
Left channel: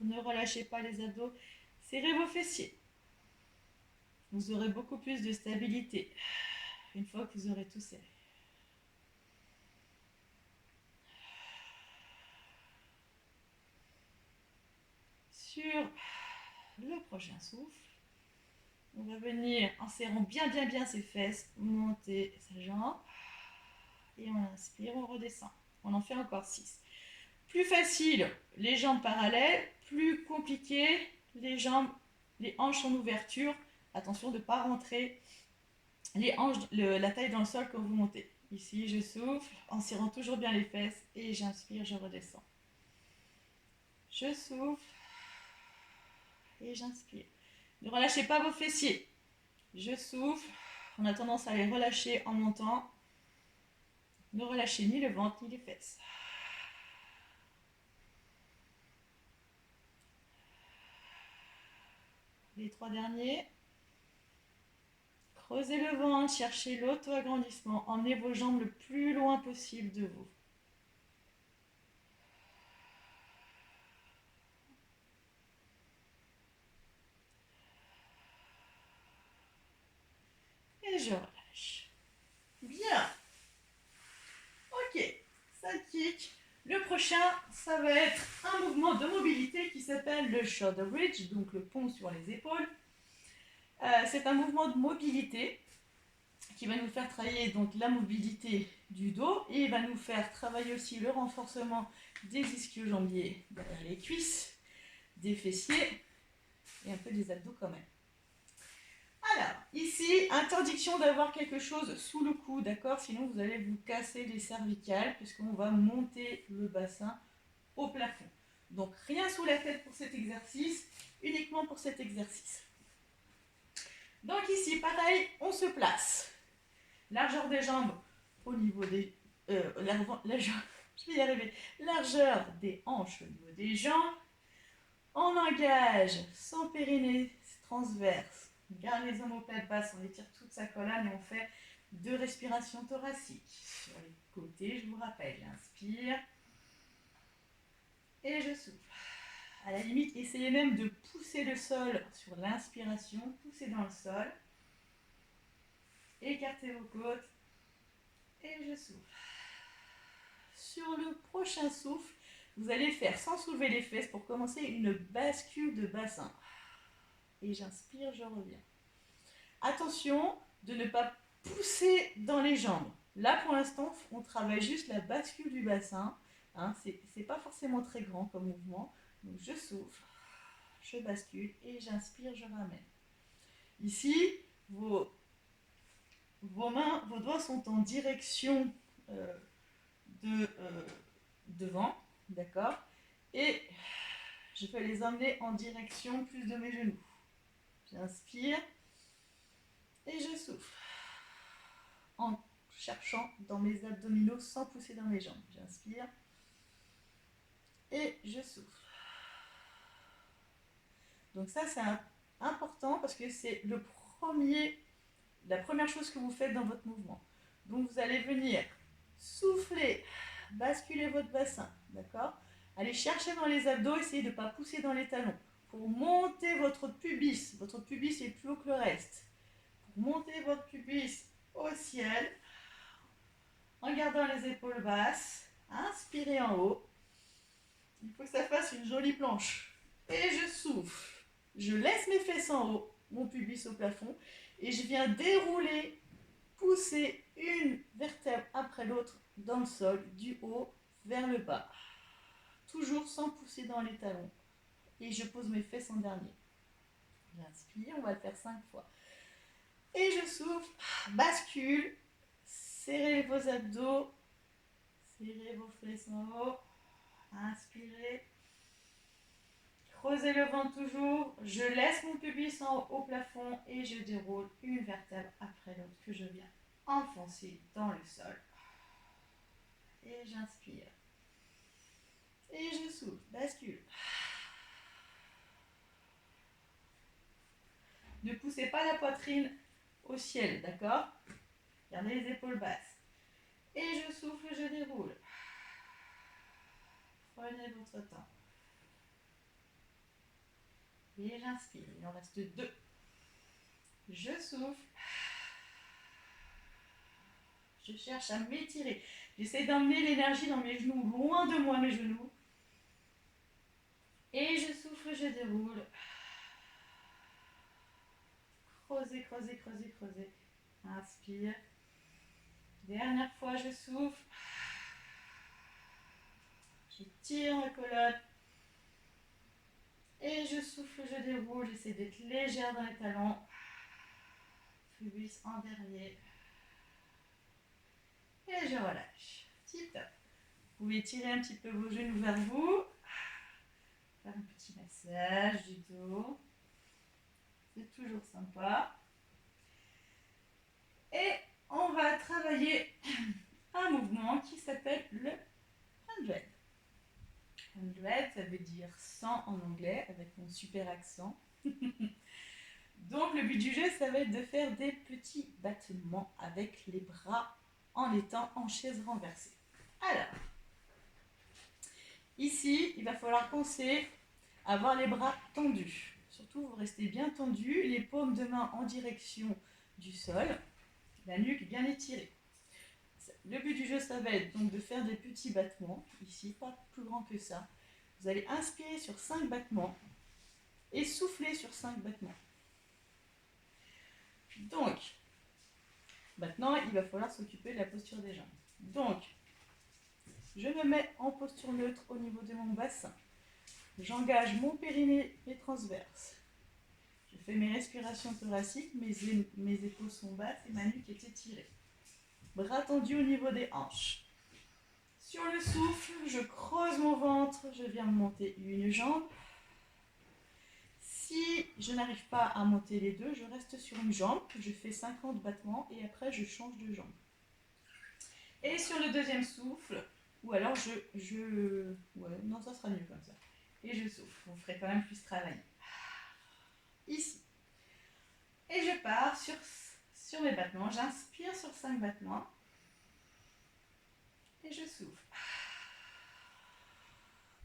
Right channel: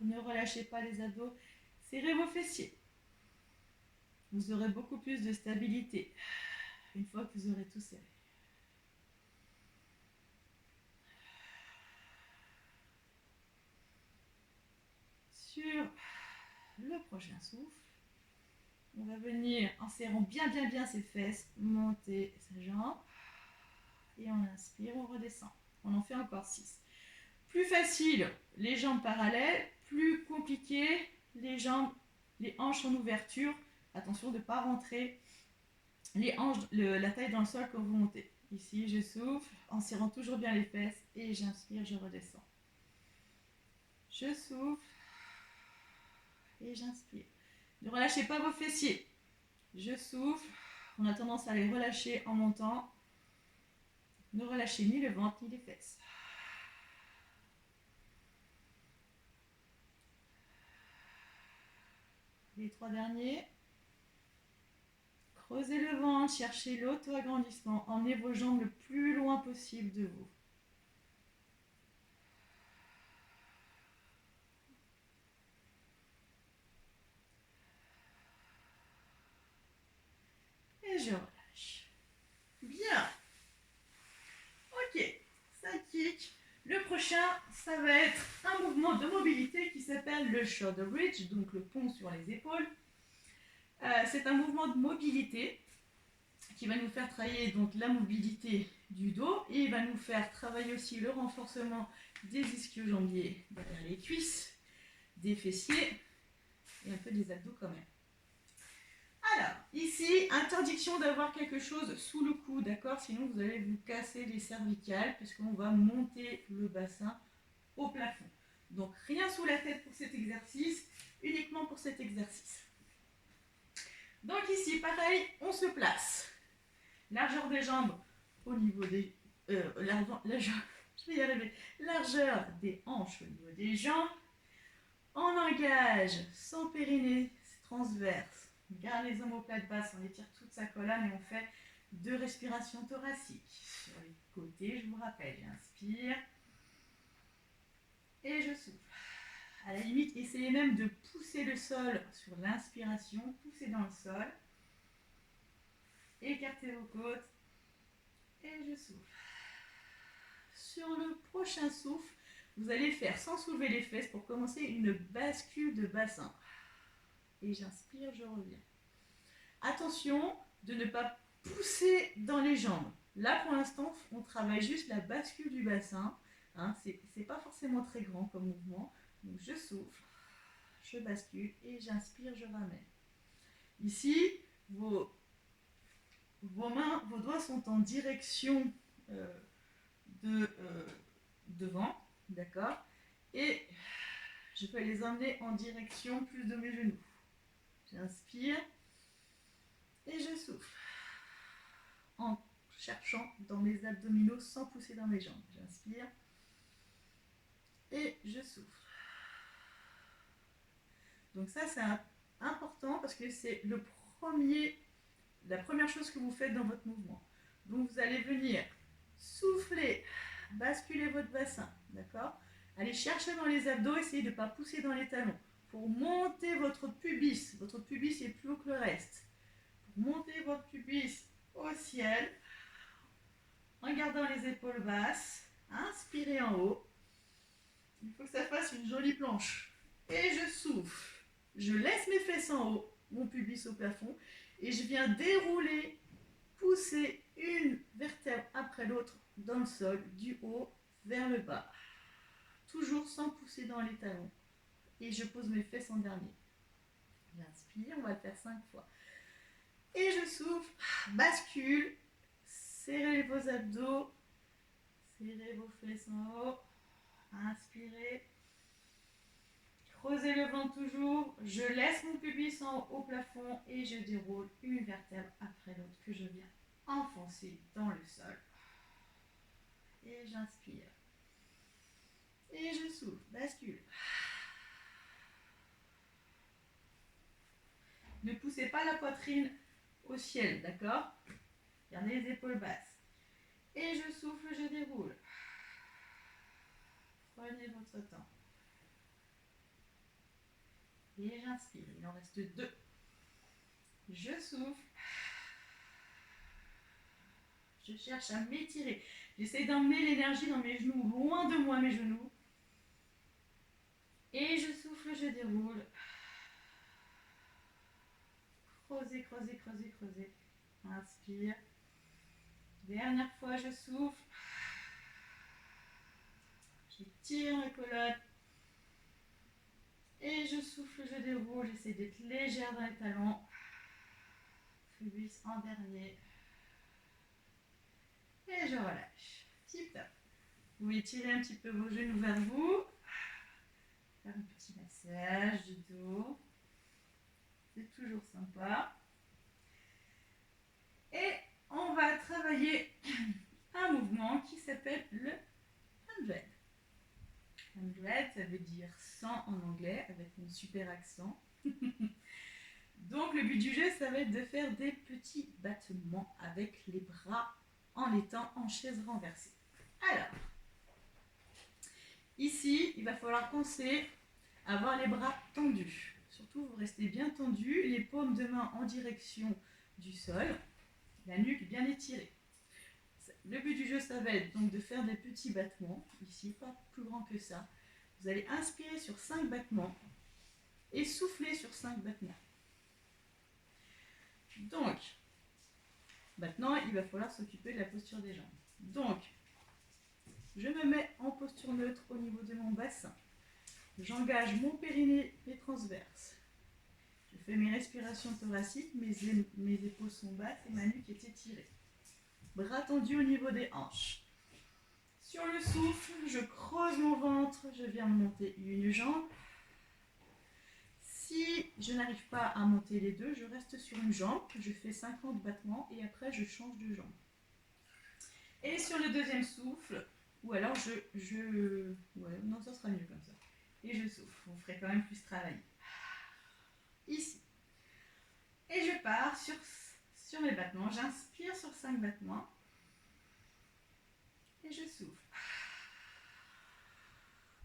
Ne relâchez pas les abdos. Serrez vos fessiers. Vous aurez beaucoup plus de stabilité une fois que vous aurez tout serré. Sur le prochain souffle, on va venir en serrant bien ses fesses, monter sa jambe. Et on inspire, on redescend. On en fait encore 6. Plus facile, les jambes parallèles. Plus compliqué, les hanches en ouverture. Attention de ne pas rentrer la taille dans le sol quand vous montez. Ici, je souffle en serrant toujours bien les fesses et j'inspire, je redescends. Je souffle et j'inspire. Ne relâchez pas vos fessiers. Je souffle. On a tendance à les relâcher en montant. Ne relâchez ni le ventre ni les fesses. Les 3 derniers. Creusez le ventre, cherchez l'auto-agrandissement. Emmenez vos jambes le plus loin possible de vous. Et je relâche. Bien. Ok, ça kick. Le prochain, ça va être un mouvement de mobilité qui s'appelle le shoulder bridge, donc le pont sur les épaules. C'est un mouvement de mobilité qui va nous faire travailler donc la mobilité du dos et il va nous faire travailler aussi le renforcement des ischio-jambiers derrière les cuisses, des fessiers et un peu des abdos quand même. Alors, ici, interdiction d'avoir quelque chose sous le cou, d'accord? Sinon, vous allez vous casser les cervicales puisqu'on va monter le bassin au plafond. Donc, rien sous la tête pour cet exercice, uniquement pour cet exercice. Donc ici, pareil, on se place. Largeur des jambes au niveau des... je vais y arriver. Largeur des hanches au niveau des jambes. On engage son périnée transverse. On garde les omoplates basses, on étire toute sa colonne et on fait 2 respirations thoraciques. Sur les côtés, je vous rappelle, j'inspire et je souffle. À la limite, essayez même de pousser le sol sur l'inspiration, poussez dans le sol. Écartez vos côtes et je souffle. Sur le prochain souffle, vous allez faire sans soulever les fesses pour commencer une bascule de bassin. Et j'inspire, je reviens. Attention de ne pas pousser dans les jambes. Là, pour l'instant, on travaille juste la bascule du bassin. Hein, c'est pas forcément très grand comme mouvement. Donc, je souffle, je bascule et j'inspire, je ramène. Ici, vos mains, vos doigts sont en direction devant, d'accord? Et je vais les emmener en direction plus de mes genoux. J'inspire et je souffle en cherchant dans mes abdominaux sans pousser dans mes jambes. J'inspire et je souffle. Donc ça, c'est important parce que c'est la première chose que vous faites dans votre mouvement. Donc vous allez venir souffler, basculer votre bassin, d'accord? Allez chercher dans les abdos, essayez de ne pas pousser dans les talons. Pour monter votre pubis est plus haut que le reste. Pour monter votre pubis au ciel, en gardant les épaules basses, inspirez en haut. Il faut que ça fasse une jolie planche. Et je souffle. Je laisse mes fesses en haut, mon pubis au plafond, et je viens dérouler, pousser une vertèbre après l'autre dans le sol, du haut vers le bas. Toujours sans pousser dans les talons. Et je pose mes fesses en dernier. J'inspire, on va le faire 5 fois. Et je souffle, bascule, serrez vos abdos, serrez vos fesses en haut, inspirez. Creusez le ventre toujours, je laisse mon pubis en haut au plafond et je déroule une vertèbre après l'autre que je viens enfoncer dans le sol. Et j'inspire. Et je souffle, bascule. Ne poussez pas la poitrine au ciel, d'accord? Gardez les épaules basses. Et je souffle, je déroule. Prenez votre temps. Et j'inspire, il en reste 2. Je souffle. Je cherche à m'étirer. J'essaie d'emmener l'énergie dans mes genoux, loin de moi mes genoux. Et je souffle, je déroule. Creusez, creusez, creusez, creusez. Inspire. Dernière fois, je souffle. Je tire ma colonne. Et je souffle, je déroule. J'essaie d'être légère dans les talons. Pubis en dernier. Et je relâche. Tip top. Vous pouvez tirer un petit peu vos genoux vers vous. Faire un petit massage du dos. C'est toujours sympa. Et on va travailler un mouvement qui s'appelle le 100. 100, ça veut dire 100 en anglais, avec mon super accent. Donc le but du jeu, ça va être de faire des petits battements avec les bras en étant en chaise renversée. Alors, ici, il va falloir penser à avoir les bras tendus. Surtout, vous restez bien tendus, les paumes de main en direction du sol, la nuque bien étirée. Le but du jeu, ça va être donc de faire des petits battements, ici, pas plus grand que ça. Vous allez inspirer sur 5 battements et souffler sur 5 battements. Donc, maintenant, il va falloir s'occuper de la posture des jambes. Donc, je me mets en posture neutre au niveau de mon bassin. J'engage mon périnée et transverse. Je fais mes respirations thoraciques, mes épaules sont basses et ma nuque est étirée. Bras tendus au niveau des hanches. Sur le souffle, je creuse mon ventre, je viens monter une jambe. Si je n'arrive pas à monter les deux, je reste sur une jambe, je fais 50 battements et après je change de jambe. Et sur le deuxième souffle, ou alors ouais, non, ça sera mieux comme ça. Et je souffle, vous ferez quand même plus travailler. Ici. Et je pars sur mes battements, j'inspire sur 5 battements. Et je souffle.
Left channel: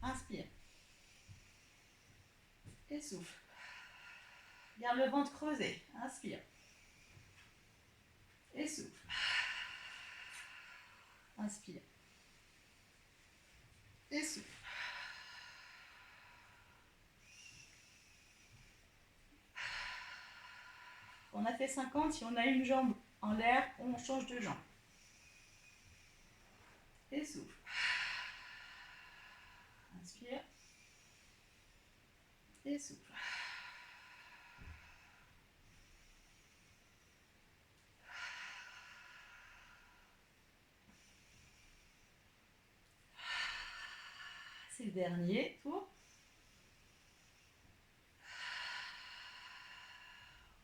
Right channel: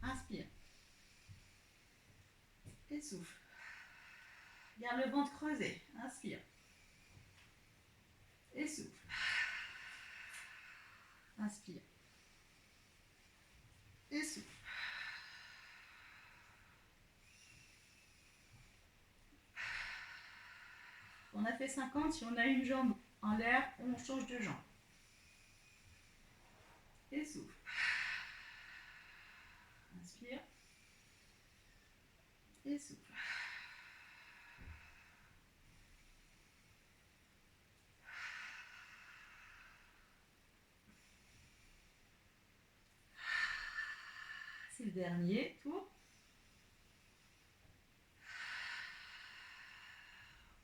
Inspire. Et souffle. Garde le ventre creusé. Inspire. Et souffle. Inspire. Et souffle. On a fait 50, si on a une jambe en l'air, on change de jambe. Et souffle. Inspire. Et souffle. C'est le dernier tour.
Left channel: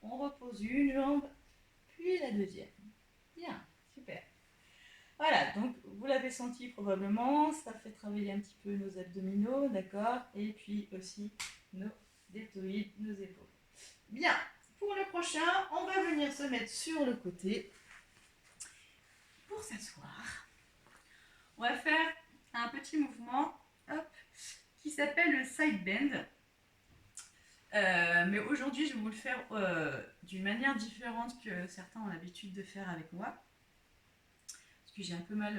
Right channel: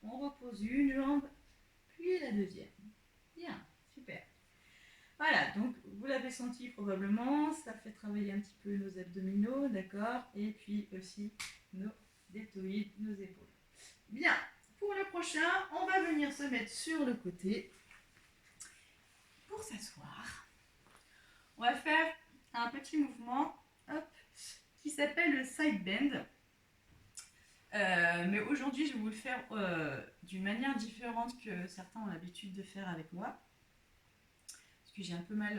On repose une jambe, puis la deuxième. Bien, super. Voilà, donc vous l'avez senti probablement, ça fait travailler un petit peu nos abdominaux, d'accord? Et puis aussi nos deltoïdes, nos épaules. Bien, pour le prochain, on va venir se mettre sur le côté pour s'asseoir. On va faire un petit mouvement hop, qui s'appelle le side bend. Mais aujourd'hui, je vais vous le faire d'une manière différente que certains ont l'habitude de faire avec moi. Parce que j'ai un peu mal,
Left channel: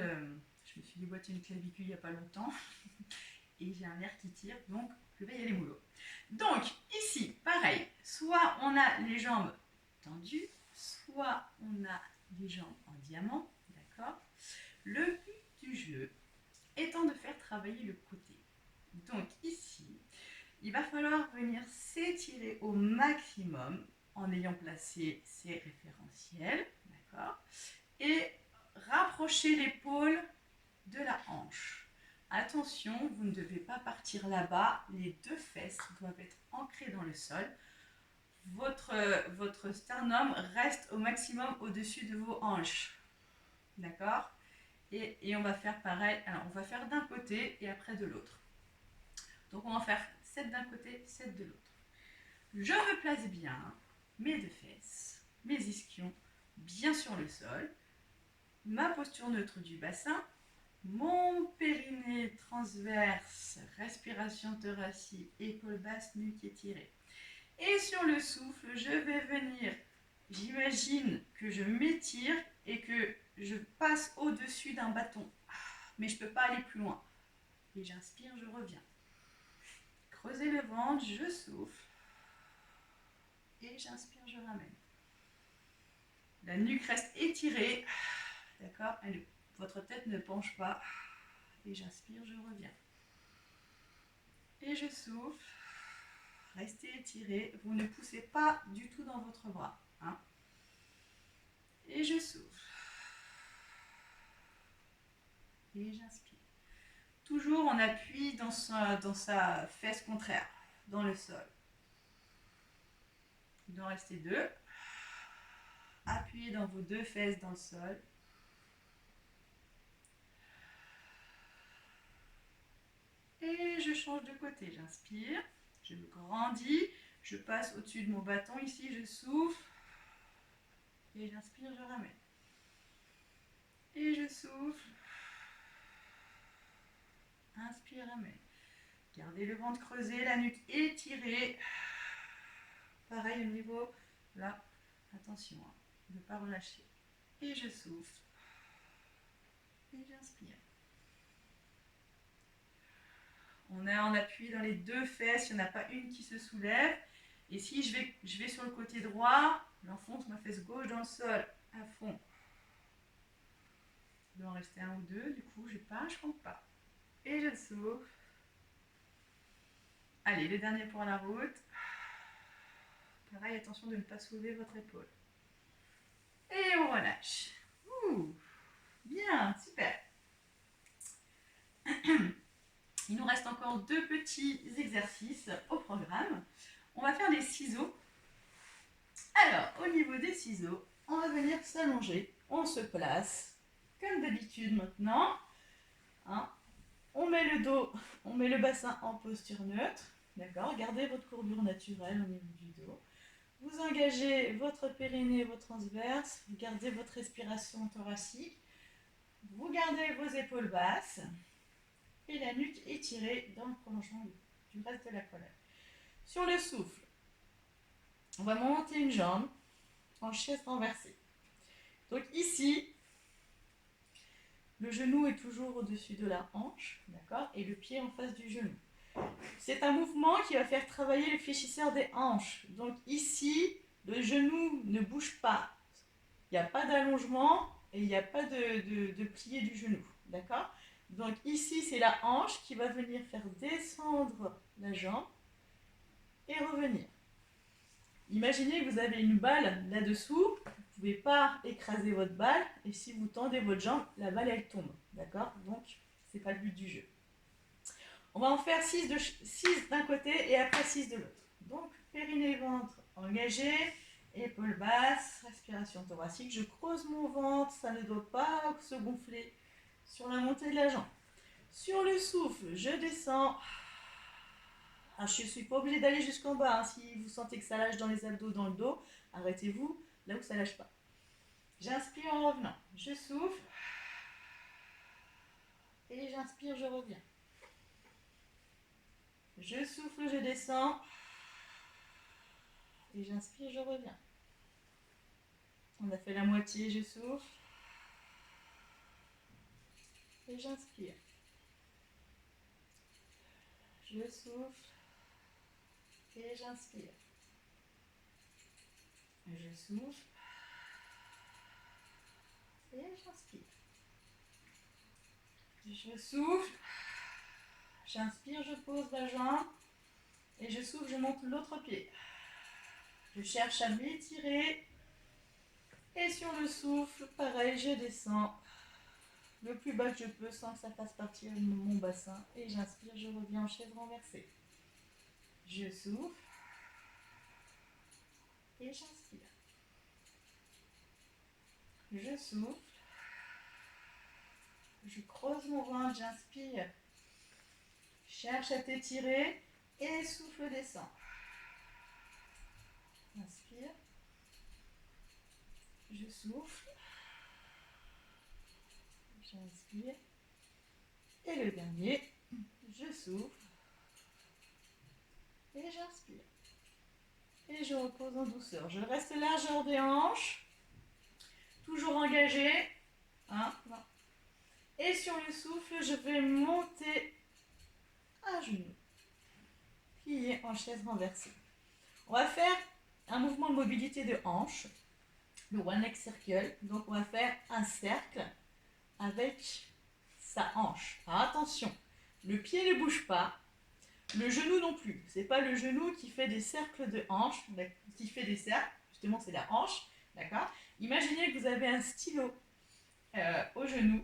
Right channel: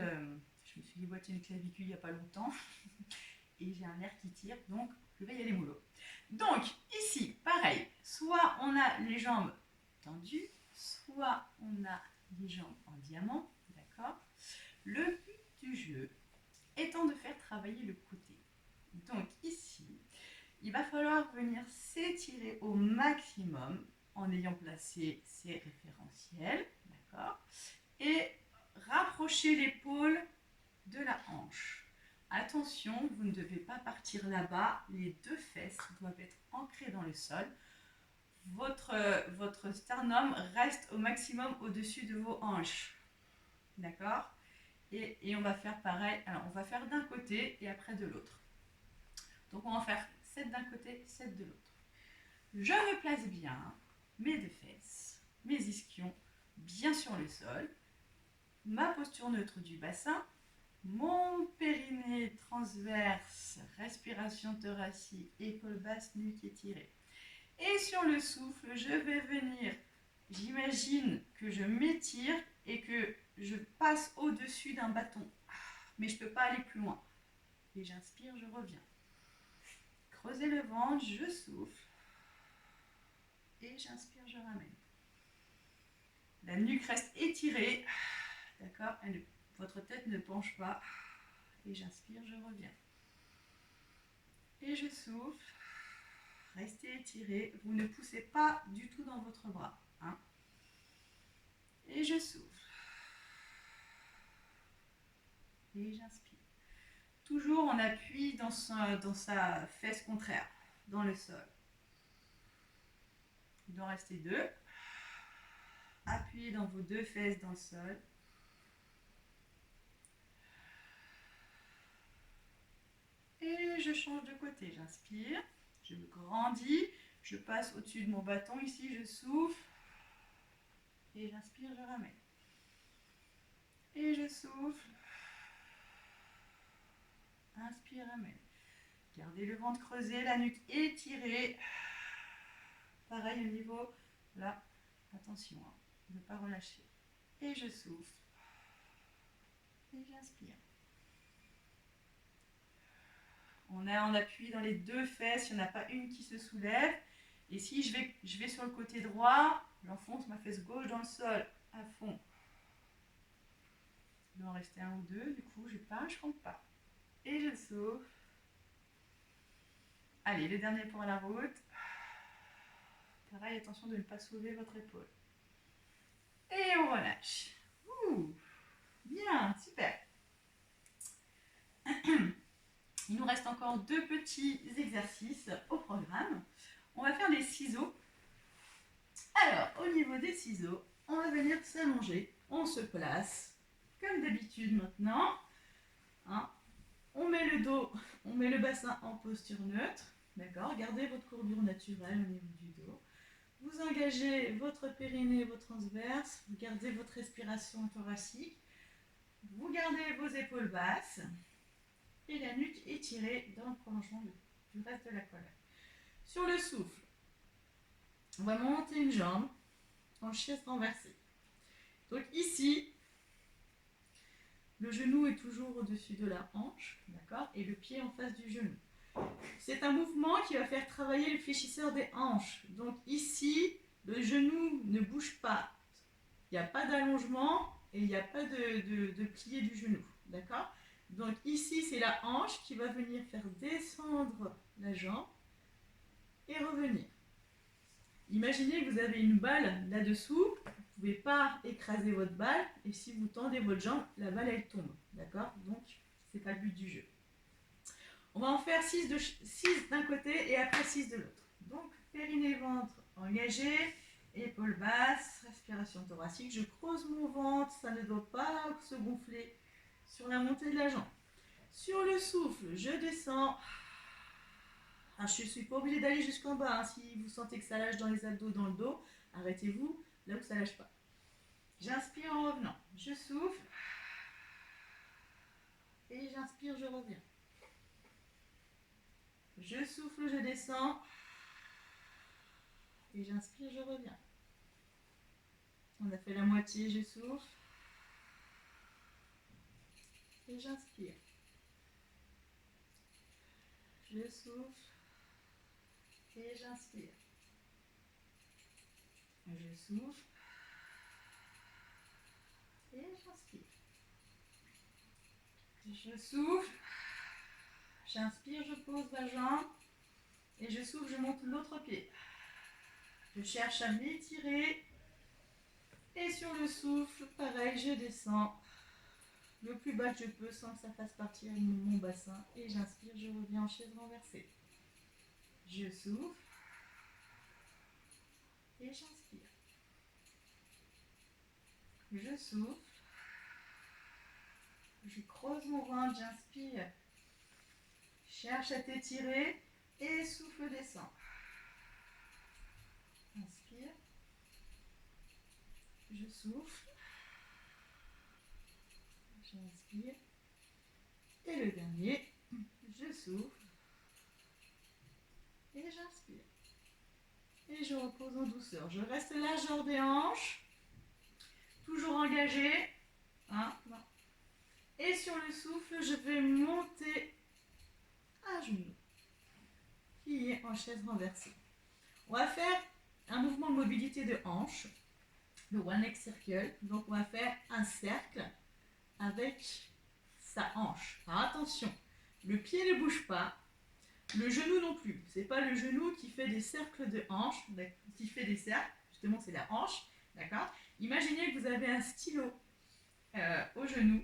je me suis déboîté une clavicule il n'y a pas longtemps. Et j'ai un nerf qui tire, donc je vais y aller mollo. Donc, ici, pareil, soit on a les jambes tendues, soit on a les jambes en diamant, d'accord? Le but du jeu étant de faire travailler le côté. Donc ici, il va falloir venir s'étirer au maximum en ayant placé ses référentiels, d'accord? Et rapprocher l'épaule de la hanche. Attention, vous ne devez pas partir là-bas, les deux fesses doivent être ancrées dans le sol. Votre sternum reste au maximum au-dessus de vos hanches, d'accord? Et on va faire pareil, alors on va faire d'un côté et après de l'autre. Donc on va faire 7 d'un côté, 7 de l'autre. Je replace bien mes deux fesses, mes ischions bien sur le sol, ma posture neutre du bassin, mon périnée transverse, respiration thoracique, épaule basse, nuque étirée. Et sur le souffle, je vais venir, j'imagine que je m'étire et que je passe au-dessus d'un bâton. Mais je ne peux pas aller plus loin. Et j'inspire, je reviens. Creusez le ventre, je souffle. Et j'inspire, je ramène. La nuque reste étirée. D'accord? Votre tête ne penche pas. Et j'inspire, je reviens. Et je souffle. Restez étiré. Vous ne poussez pas du tout dans votre bras. Hein? Et je souffle. Et j'inspire. Toujours on appuie dans sa fesse contraire, dans le sol. Il doit en rester 2. Appuyez dans vos 2 fesses dans le sol. Et je change de côté, j'inspire, je me grandis, je passe au-dessus de mon bâton ici, je souffle. Et j'inspire, je ramène. Et je souffle. Inspire, ramène. Gardez le ventre creusé, la nuque étirée. Pareil au niveau, là, attention, hein, ne pas relâcher. Et je souffle. Et j'inspire. On a en appui dans les 2 fesses, il n'y en a pas une qui se soulève. Et si je vais sur le côté droit, j'enfonce ma fesse gauche dans le sol, à fond. Il doit en rester 1 ou 2, du coup, je ne compte pas. Et je souffle. Allez, le dernier pour la route. Pareil, attention de ne pas soulever votre épaule. Et on relâche. Ouh, bien, super. Il nous reste encore 2 petits exercices au programme. On va faire des ciseaux. Alors, au niveau des ciseaux, on va venir s'allonger. On se place, comme d'habitude maintenant. Hein. On met le dos, on met le bassin en posture neutre. D'accord. Gardez votre courbure naturelle au niveau du dos. Vous engagez votre périnée, vos transverses. Vous gardez votre respiration thoracique. Vous gardez vos épaules basses. Et la nuque étirée dans le prolongement du reste de la colonne. Sur le souffle, on va monter une jambe en chaise renversée. Donc ici, le genou est toujours au-dessus de la hanche, d'accord, et le pied en face du genou. C'est un mouvement qui va faire travailler le fléchisseur des hanches. Donc ici, le genou ne bouge pas. Il n'y a pas d'allongement et il n'y a pas de plié du genou, d'accord. Donc ici, c'est la hanche qui va venir faire descendre la jambe et revenir. Imaginez que vous avez une balle là-dessous, vous ne pouvez pas écraser votre balle, et si vous tendez votre jambe, la balle elle tombe, d'accord. Donc, ce n'est pas le but du jeu. On va en faire 6 d'un côté et après 6 de l'autre. Donc, périnée, ventre engagé, épaules basses, respiration thoracique. Je creuse mon ventre, ça ne doit pas se gonfler sur la montée de la jambe. Sur le souffle, je descends. Alors, je ne suis pas obligée d'aller jusqu'en bas. Hein. Si vous sentez que ça lâche dans les abdos, dans le dos, arrêtez-vous là où ça ne lâche pas. J'inspire en revenant. Je souffle. Et j'inspire, je reviens. Je souffle, je descends. Et j'inspire, je reviens. On a fait la moitié, je souffle. Et j'inspire. Je souffle. Et j'inspire. Je souffle. Et j'inspire. Je souffle. J'inspire, je pose la jambe. Et je souffle, je monte l'autre pied. Je cherche à m'étirer. Et sur le souffle, pareil, je descends le plus bas que je peux sans que ça fasse partir mon bassin. Et j'inspire, je reviens en chaise renversée. Je souffle. Et j'inspire. Je souffle. Je creuse mon ventre, j'inspire. Cherche à t'étirer. Et souffle, descend. Inspire. Je souffle. J'inspire. Et le dernier, je souffle. Et j'inspire. Et je repose en douceur. Je reste largeur des hanches. Toujours engagé. Hein, et sur le souffle, je vais monter à genoux. Plié en chaise renversée. On va faire un mouvement de mobilité de hanche. Le one leg circle. Donc on va faire un cercle avec sa hanche. Alors attention, le pied ne bouge pas, le genou non plus. C'est pas le genou qui fait des cercles de hanche, mais qui fait des cercles, justement c'est la hanche, d'accord. Imaginez que vous avez un stylo au genou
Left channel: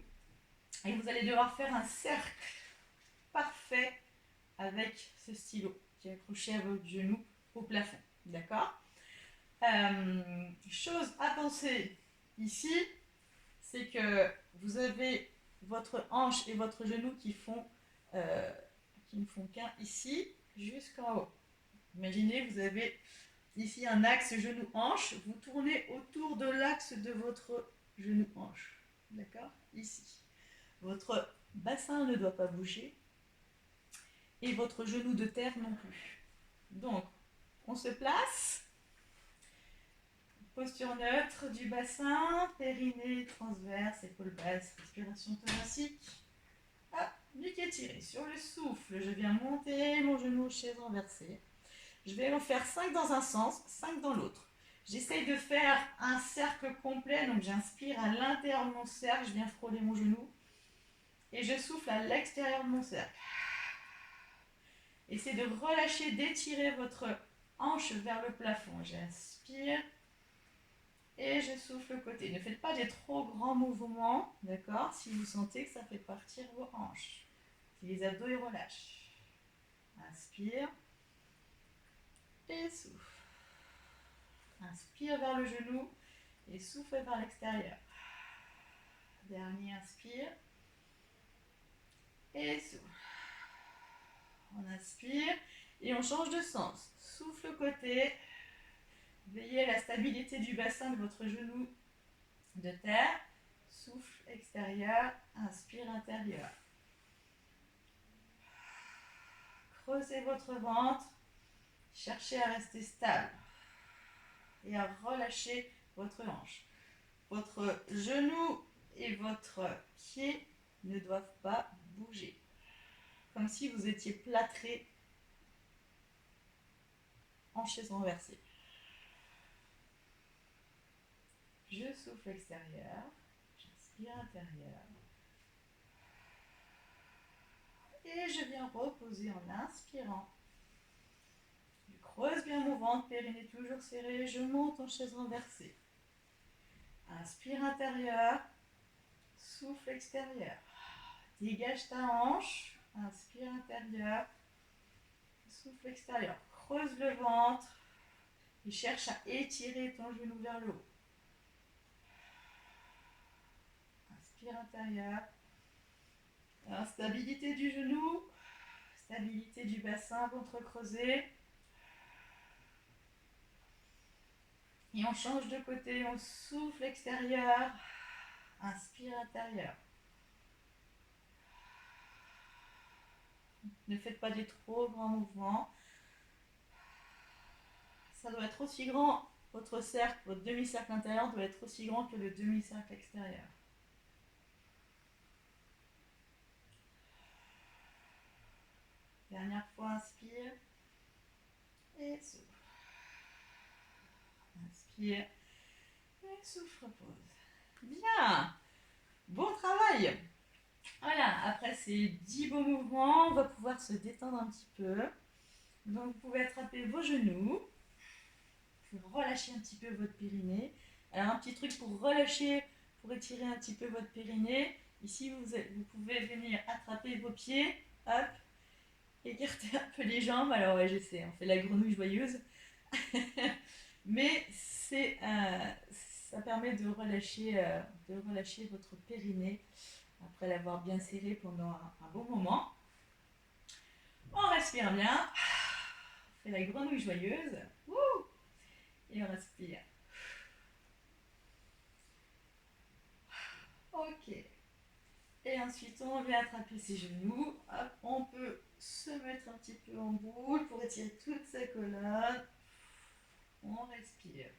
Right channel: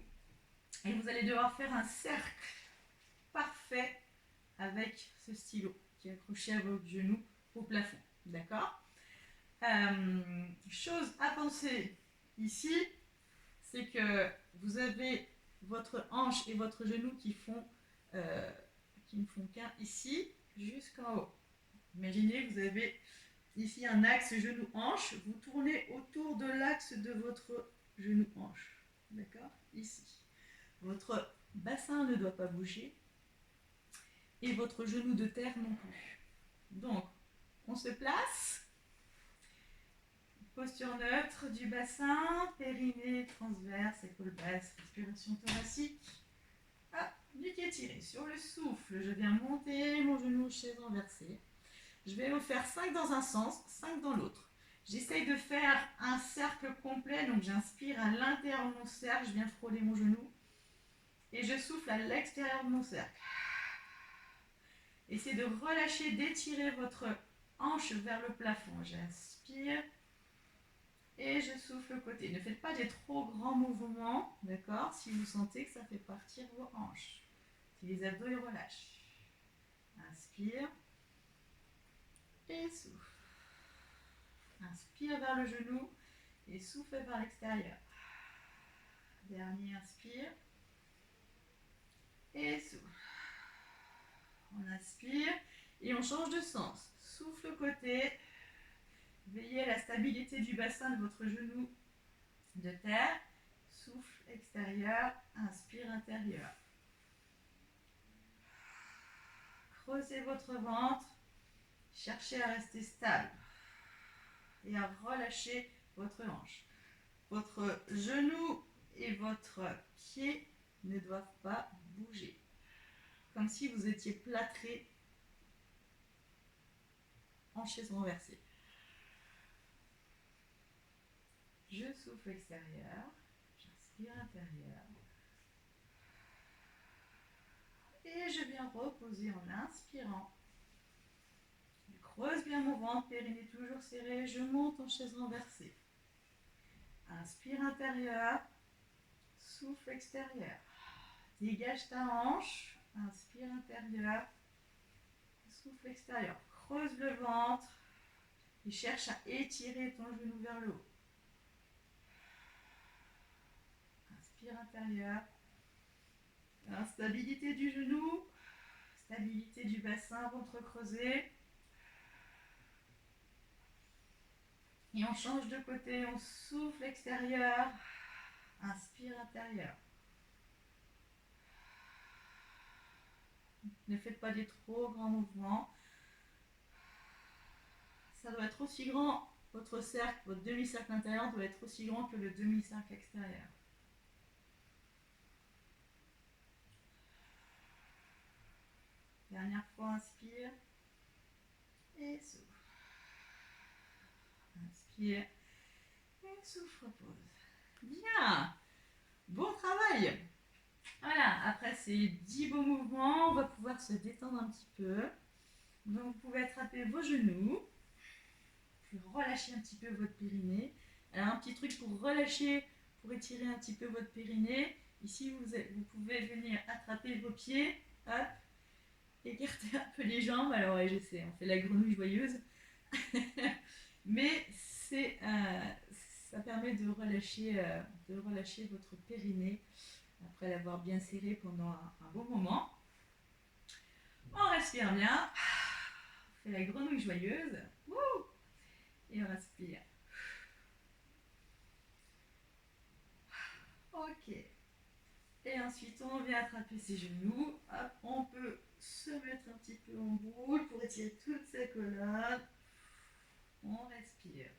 et vous allez devoir faire un cercle parfait avec ce stylo qui est accroché à votre genou au plafond, d'accord. Chose à penser ici, c'est que vous avez votre hanche et votre genou qui ne font qu'un ici jusqu'en haut. Imaginez, vous avez ici un axe genou-hanche, vous tournez autour de l'axe de votre genou-hanche. D'accord? Ici. Votre bassin ne doit pas bouger et votre genou de terre non plus. Donc, on se place. Posture neutre du bassin, périnée, transverse, épaules basses, respiration thoracique. Ah, nuque étirée. Sur le souffle, je viens monter mon genou, chaise renversée. Je vais en faire 5 dans un sens, 5 dans l'autre. J'essaye de faire un cercle complet, donc j'inspire à l'intérieur de mon cercle, je viens frôler mon genou. Et je souffle à l'extérieur de mon cercle. Essayez de relâcher, d'étirer votre hanche vers le plafond. J'inspire. Et je souffle le côté. Ne faites pas des trop grands mouvements, d'accord, si vous sentez que ça fait partir vos hanches. Si les abdos ils relâchent. Inspire. Et souffle. Inspire vers le genou et souffle vers l'extérieur. Dernier, inspire. Et souffle. On inspire et on change de sens. Souffle côté. Veillez à la stabilité du bassin de votre genou de terre. Souffle extérieur. Inspire intérieur. Creusez votre ventre. Cherchez à rester stable et à relâcher votre hanche. Votre genou et votre pied ne doivent pas bouger. Comme si vous étiez plâtré en chaise renversée. Je souffle extérieur, j'inspire intérieur. Et je viens reposer en inspirant. Je creuse bien mon ventre, périnée toujours serré, je monte en chaise renversée. Inspire intérieur, souffle extérieur. Dégage ta hanche, inspire intérieur, souffle extérieur. Creuse le ventre et cherche à étirer ton genou vers le haut. Inspire intérieur. Stabilité du genou, stabilité du bassin, ventre creusé. Et on change de côté, on souffle extérieur, inspire intérieur. Ne faites pas des trop grands mouvements. Ça doit être aussi grand, votre cercle, votre demi-cercle intérieur doit être aussi grand que le demi-cercle extérieur. Dernière fois, inspire et souffle. Inspire et souffle, repose. Bien, bon travail. Voilà, après ces 10 beaux mouvements, on va pouvoir se détendre un petit peu. Donc vous pouvez attraper vos genoux, puis relâcher un petit peu votre périnée. Alors un petit truc pour relâcher, pour étirer un petit peu votre périnée. Ici vous pouvez venir attraper vos pieds, hop, écarter un peu les jambes. Alors ouais, je sais, on fait la grenouille joyeuse. Mais ça permet de relâcher votre périnée après l'avoir bien serré pendant un bon moment. On respire bien. On fait la grenouille joyeuse. Wouh! Et on respire. Ok. Et ensuite, on vient attraper ses genoux. Hop, on peut se mettre un petit peu en boule pour étirer toute sa colonne. On respire.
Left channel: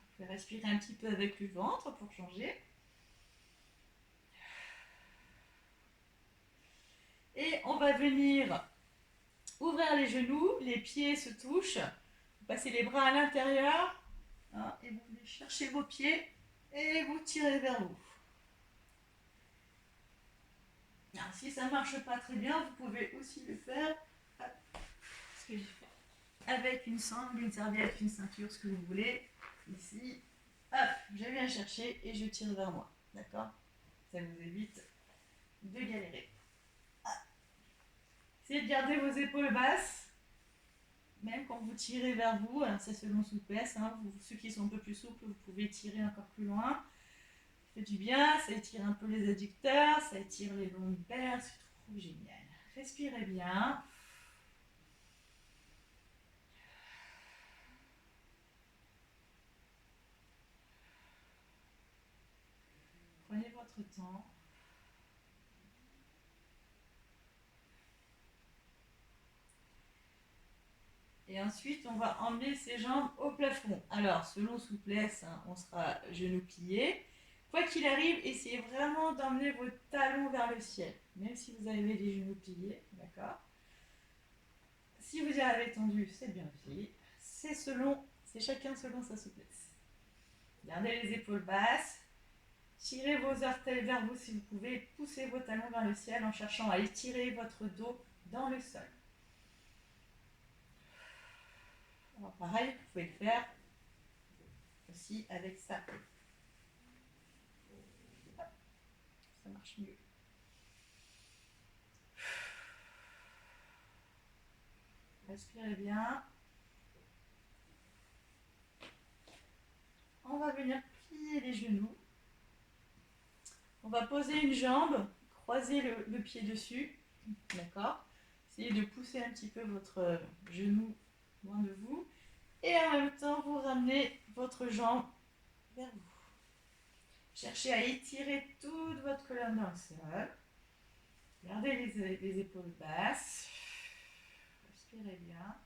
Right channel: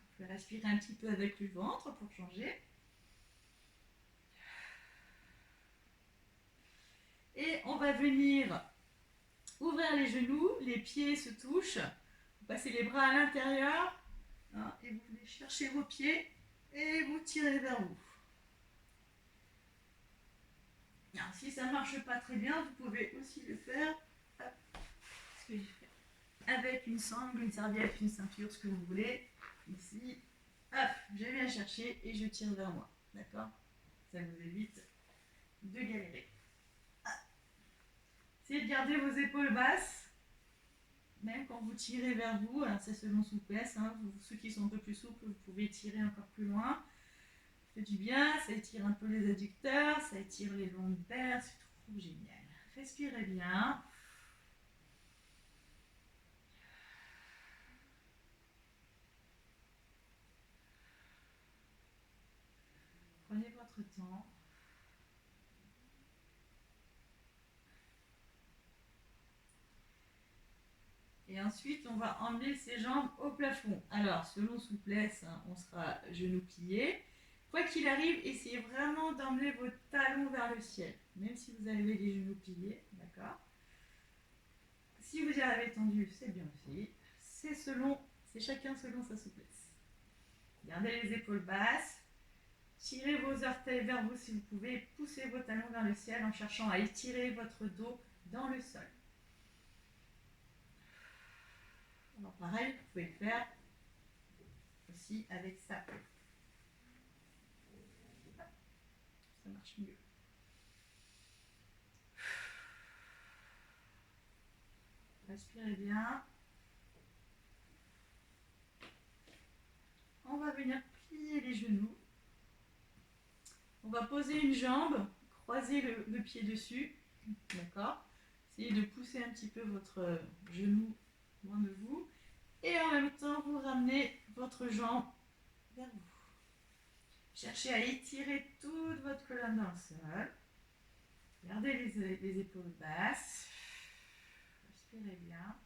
Vous pouvez respirer un petit peu avec le ventre pour changer. Et on va venir ouvrir les genoux, les pieds se touchent. Vous passez les bras à l'intérieur et vous venez chercher vos pieds et vous tirez vers vous. Alors, si ça ne marche pas très bien, vous pouvez aussi le faire ce que j'ai fait. Avec une sangle, une serviette, une ceinture, ce que vous voulez. Ici, hop, je viens chercher et je tire vers moi. D'accord? Ça vous évite de galérer. Essayez de garder vos épaules basses. Même quand vous tirez vers vous, alors c'est selon souplesse, ceux qui sont un peu plus souples, vous pouvez tirer encore plus loin. Ça fait du bien, ça étire un peu les adducteurs, ça étire les lombaires, c'est trop génial. Respirez bien. Prenez votre temps. Et ensuite, on va emmener ses jambes au plafond. Alors, selon souplesse, on sera genoux pliés. Quoi qu'il arrive, essayez vraiment d'emmener vos talons vers le ciel, même si vous avez les genoux pliés, d'accord? Si vous y arrivez tendu, c'est bien aussi. C'est chacun selon sa souplesse. Gardez les épaules basses. Tirez vos orteils vers vous si vous pouvez. Poussez vos talons vers le ciel en cherchant à étirer votre dos dans le sol. Alors pareil, vous pouvez le faire aussi avec ça. Ça marche mieux. Respirez bien. On va venir plier les genoux. On va poser une jambe, croiser le pied dessus. D'accord? Essayez de pousser un petit peu votre genou loin de vous. Et en même temps, vous ramenez votre jambe vers vous. Cherchez à étirer toute votre colonne dans le sol. Gardez les épaules basses. Respirez bien.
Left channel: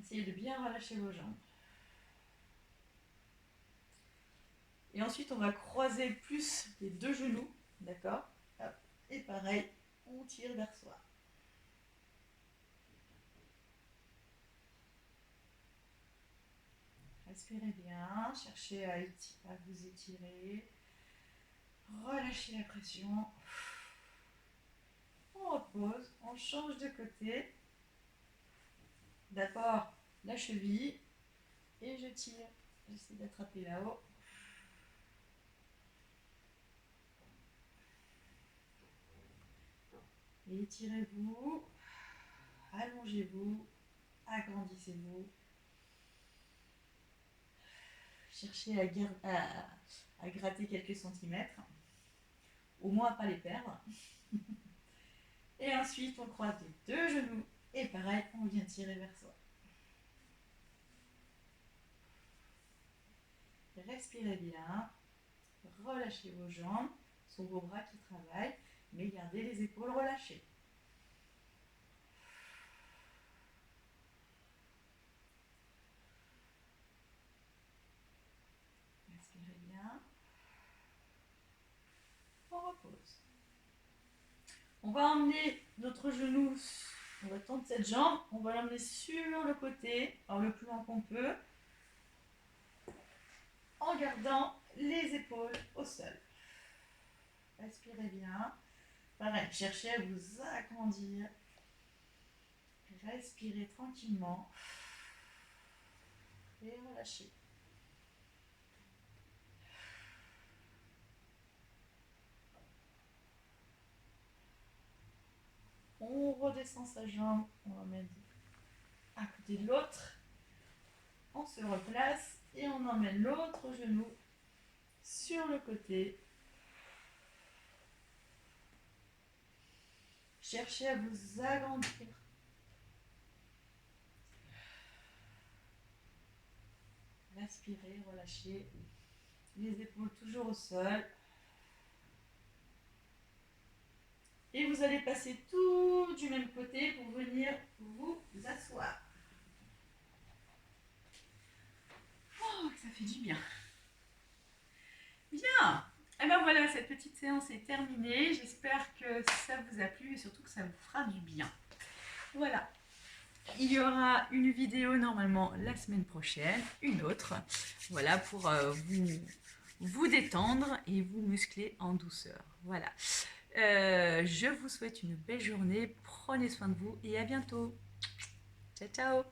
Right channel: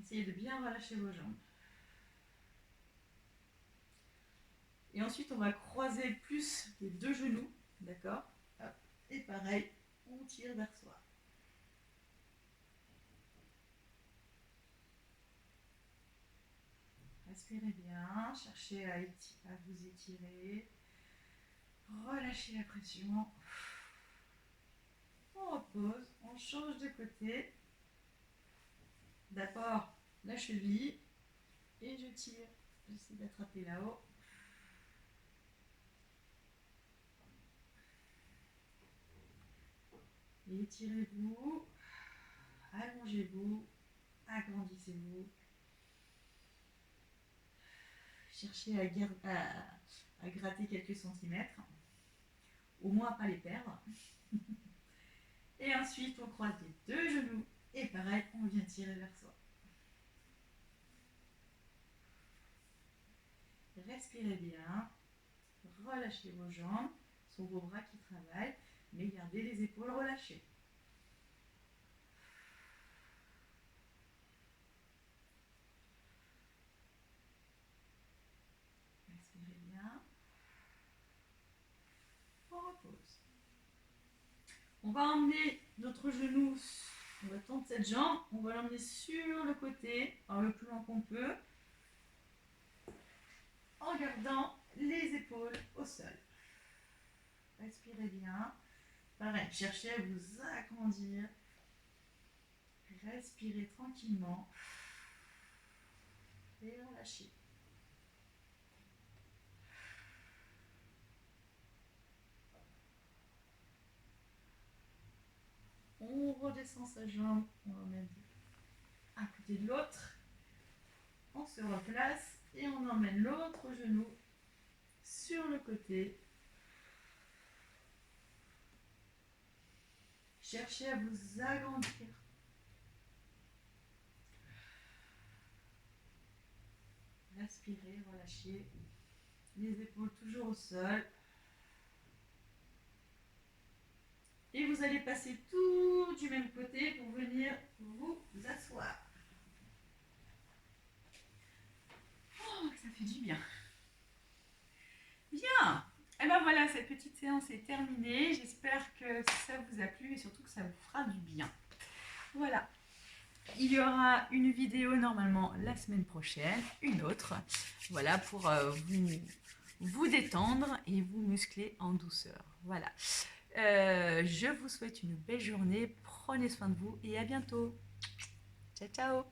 Essayez de bien relâcher vos jambes. Et ensuite, on va croiser plus les deux genoux. D'accord? Et pareil, on tire vers soi. Respirez bien, cherchez à vous étirer. Relâchez la pression. On repose, on change de côté. D'abord la cheville et je tire. J'essaie d'attraper là-haut. Étirez-vous, allongez-vous, agrandissez-vous. Cherchez à gratter quelques centimètres, au moins à ne pas les perdre. Et ensuite, on croise les deux genoux et pareil, on vient tirer vers soi. Respirez bien, relâchez vos jambes, ce sont vos bras qui travaillent, mais gardez les épaules relâchées. Respirez bien. On repose. On va emmener notre genou, on va tendre cette jambe, on va l'emmener sur le côté, alors le plus loin qu'on peut, en gardant les épaules au sol. Respirez bien. Pareil, cherchez à vous agrandir. Respirez tranquillement. Et relâchez. On redescend sa jambe, on l'emmène à côté de l'autre. On se replace et on emmène l'autre genou sur le côté. Cherchez à vous agrandir. Respirez, relâchez. Les épaules toujours au sol. Et vous allez passer tout du même côté pour venir vous asseoir. Oh, ça fait du bien. Bien. Et ben voilà, cette petite séance est terminée. J'espère que ça vous a plu et surtout que ça vous fera du bien. Voilà. Il y aura une vidéo normalement la semaine prochaine, une autre. Voilà, pour vous détendre et vous muscler en douceur. Voilà. Je vous souhaite une belle journée. Prenez soin de vous et à bientôt. Ciao, ciao.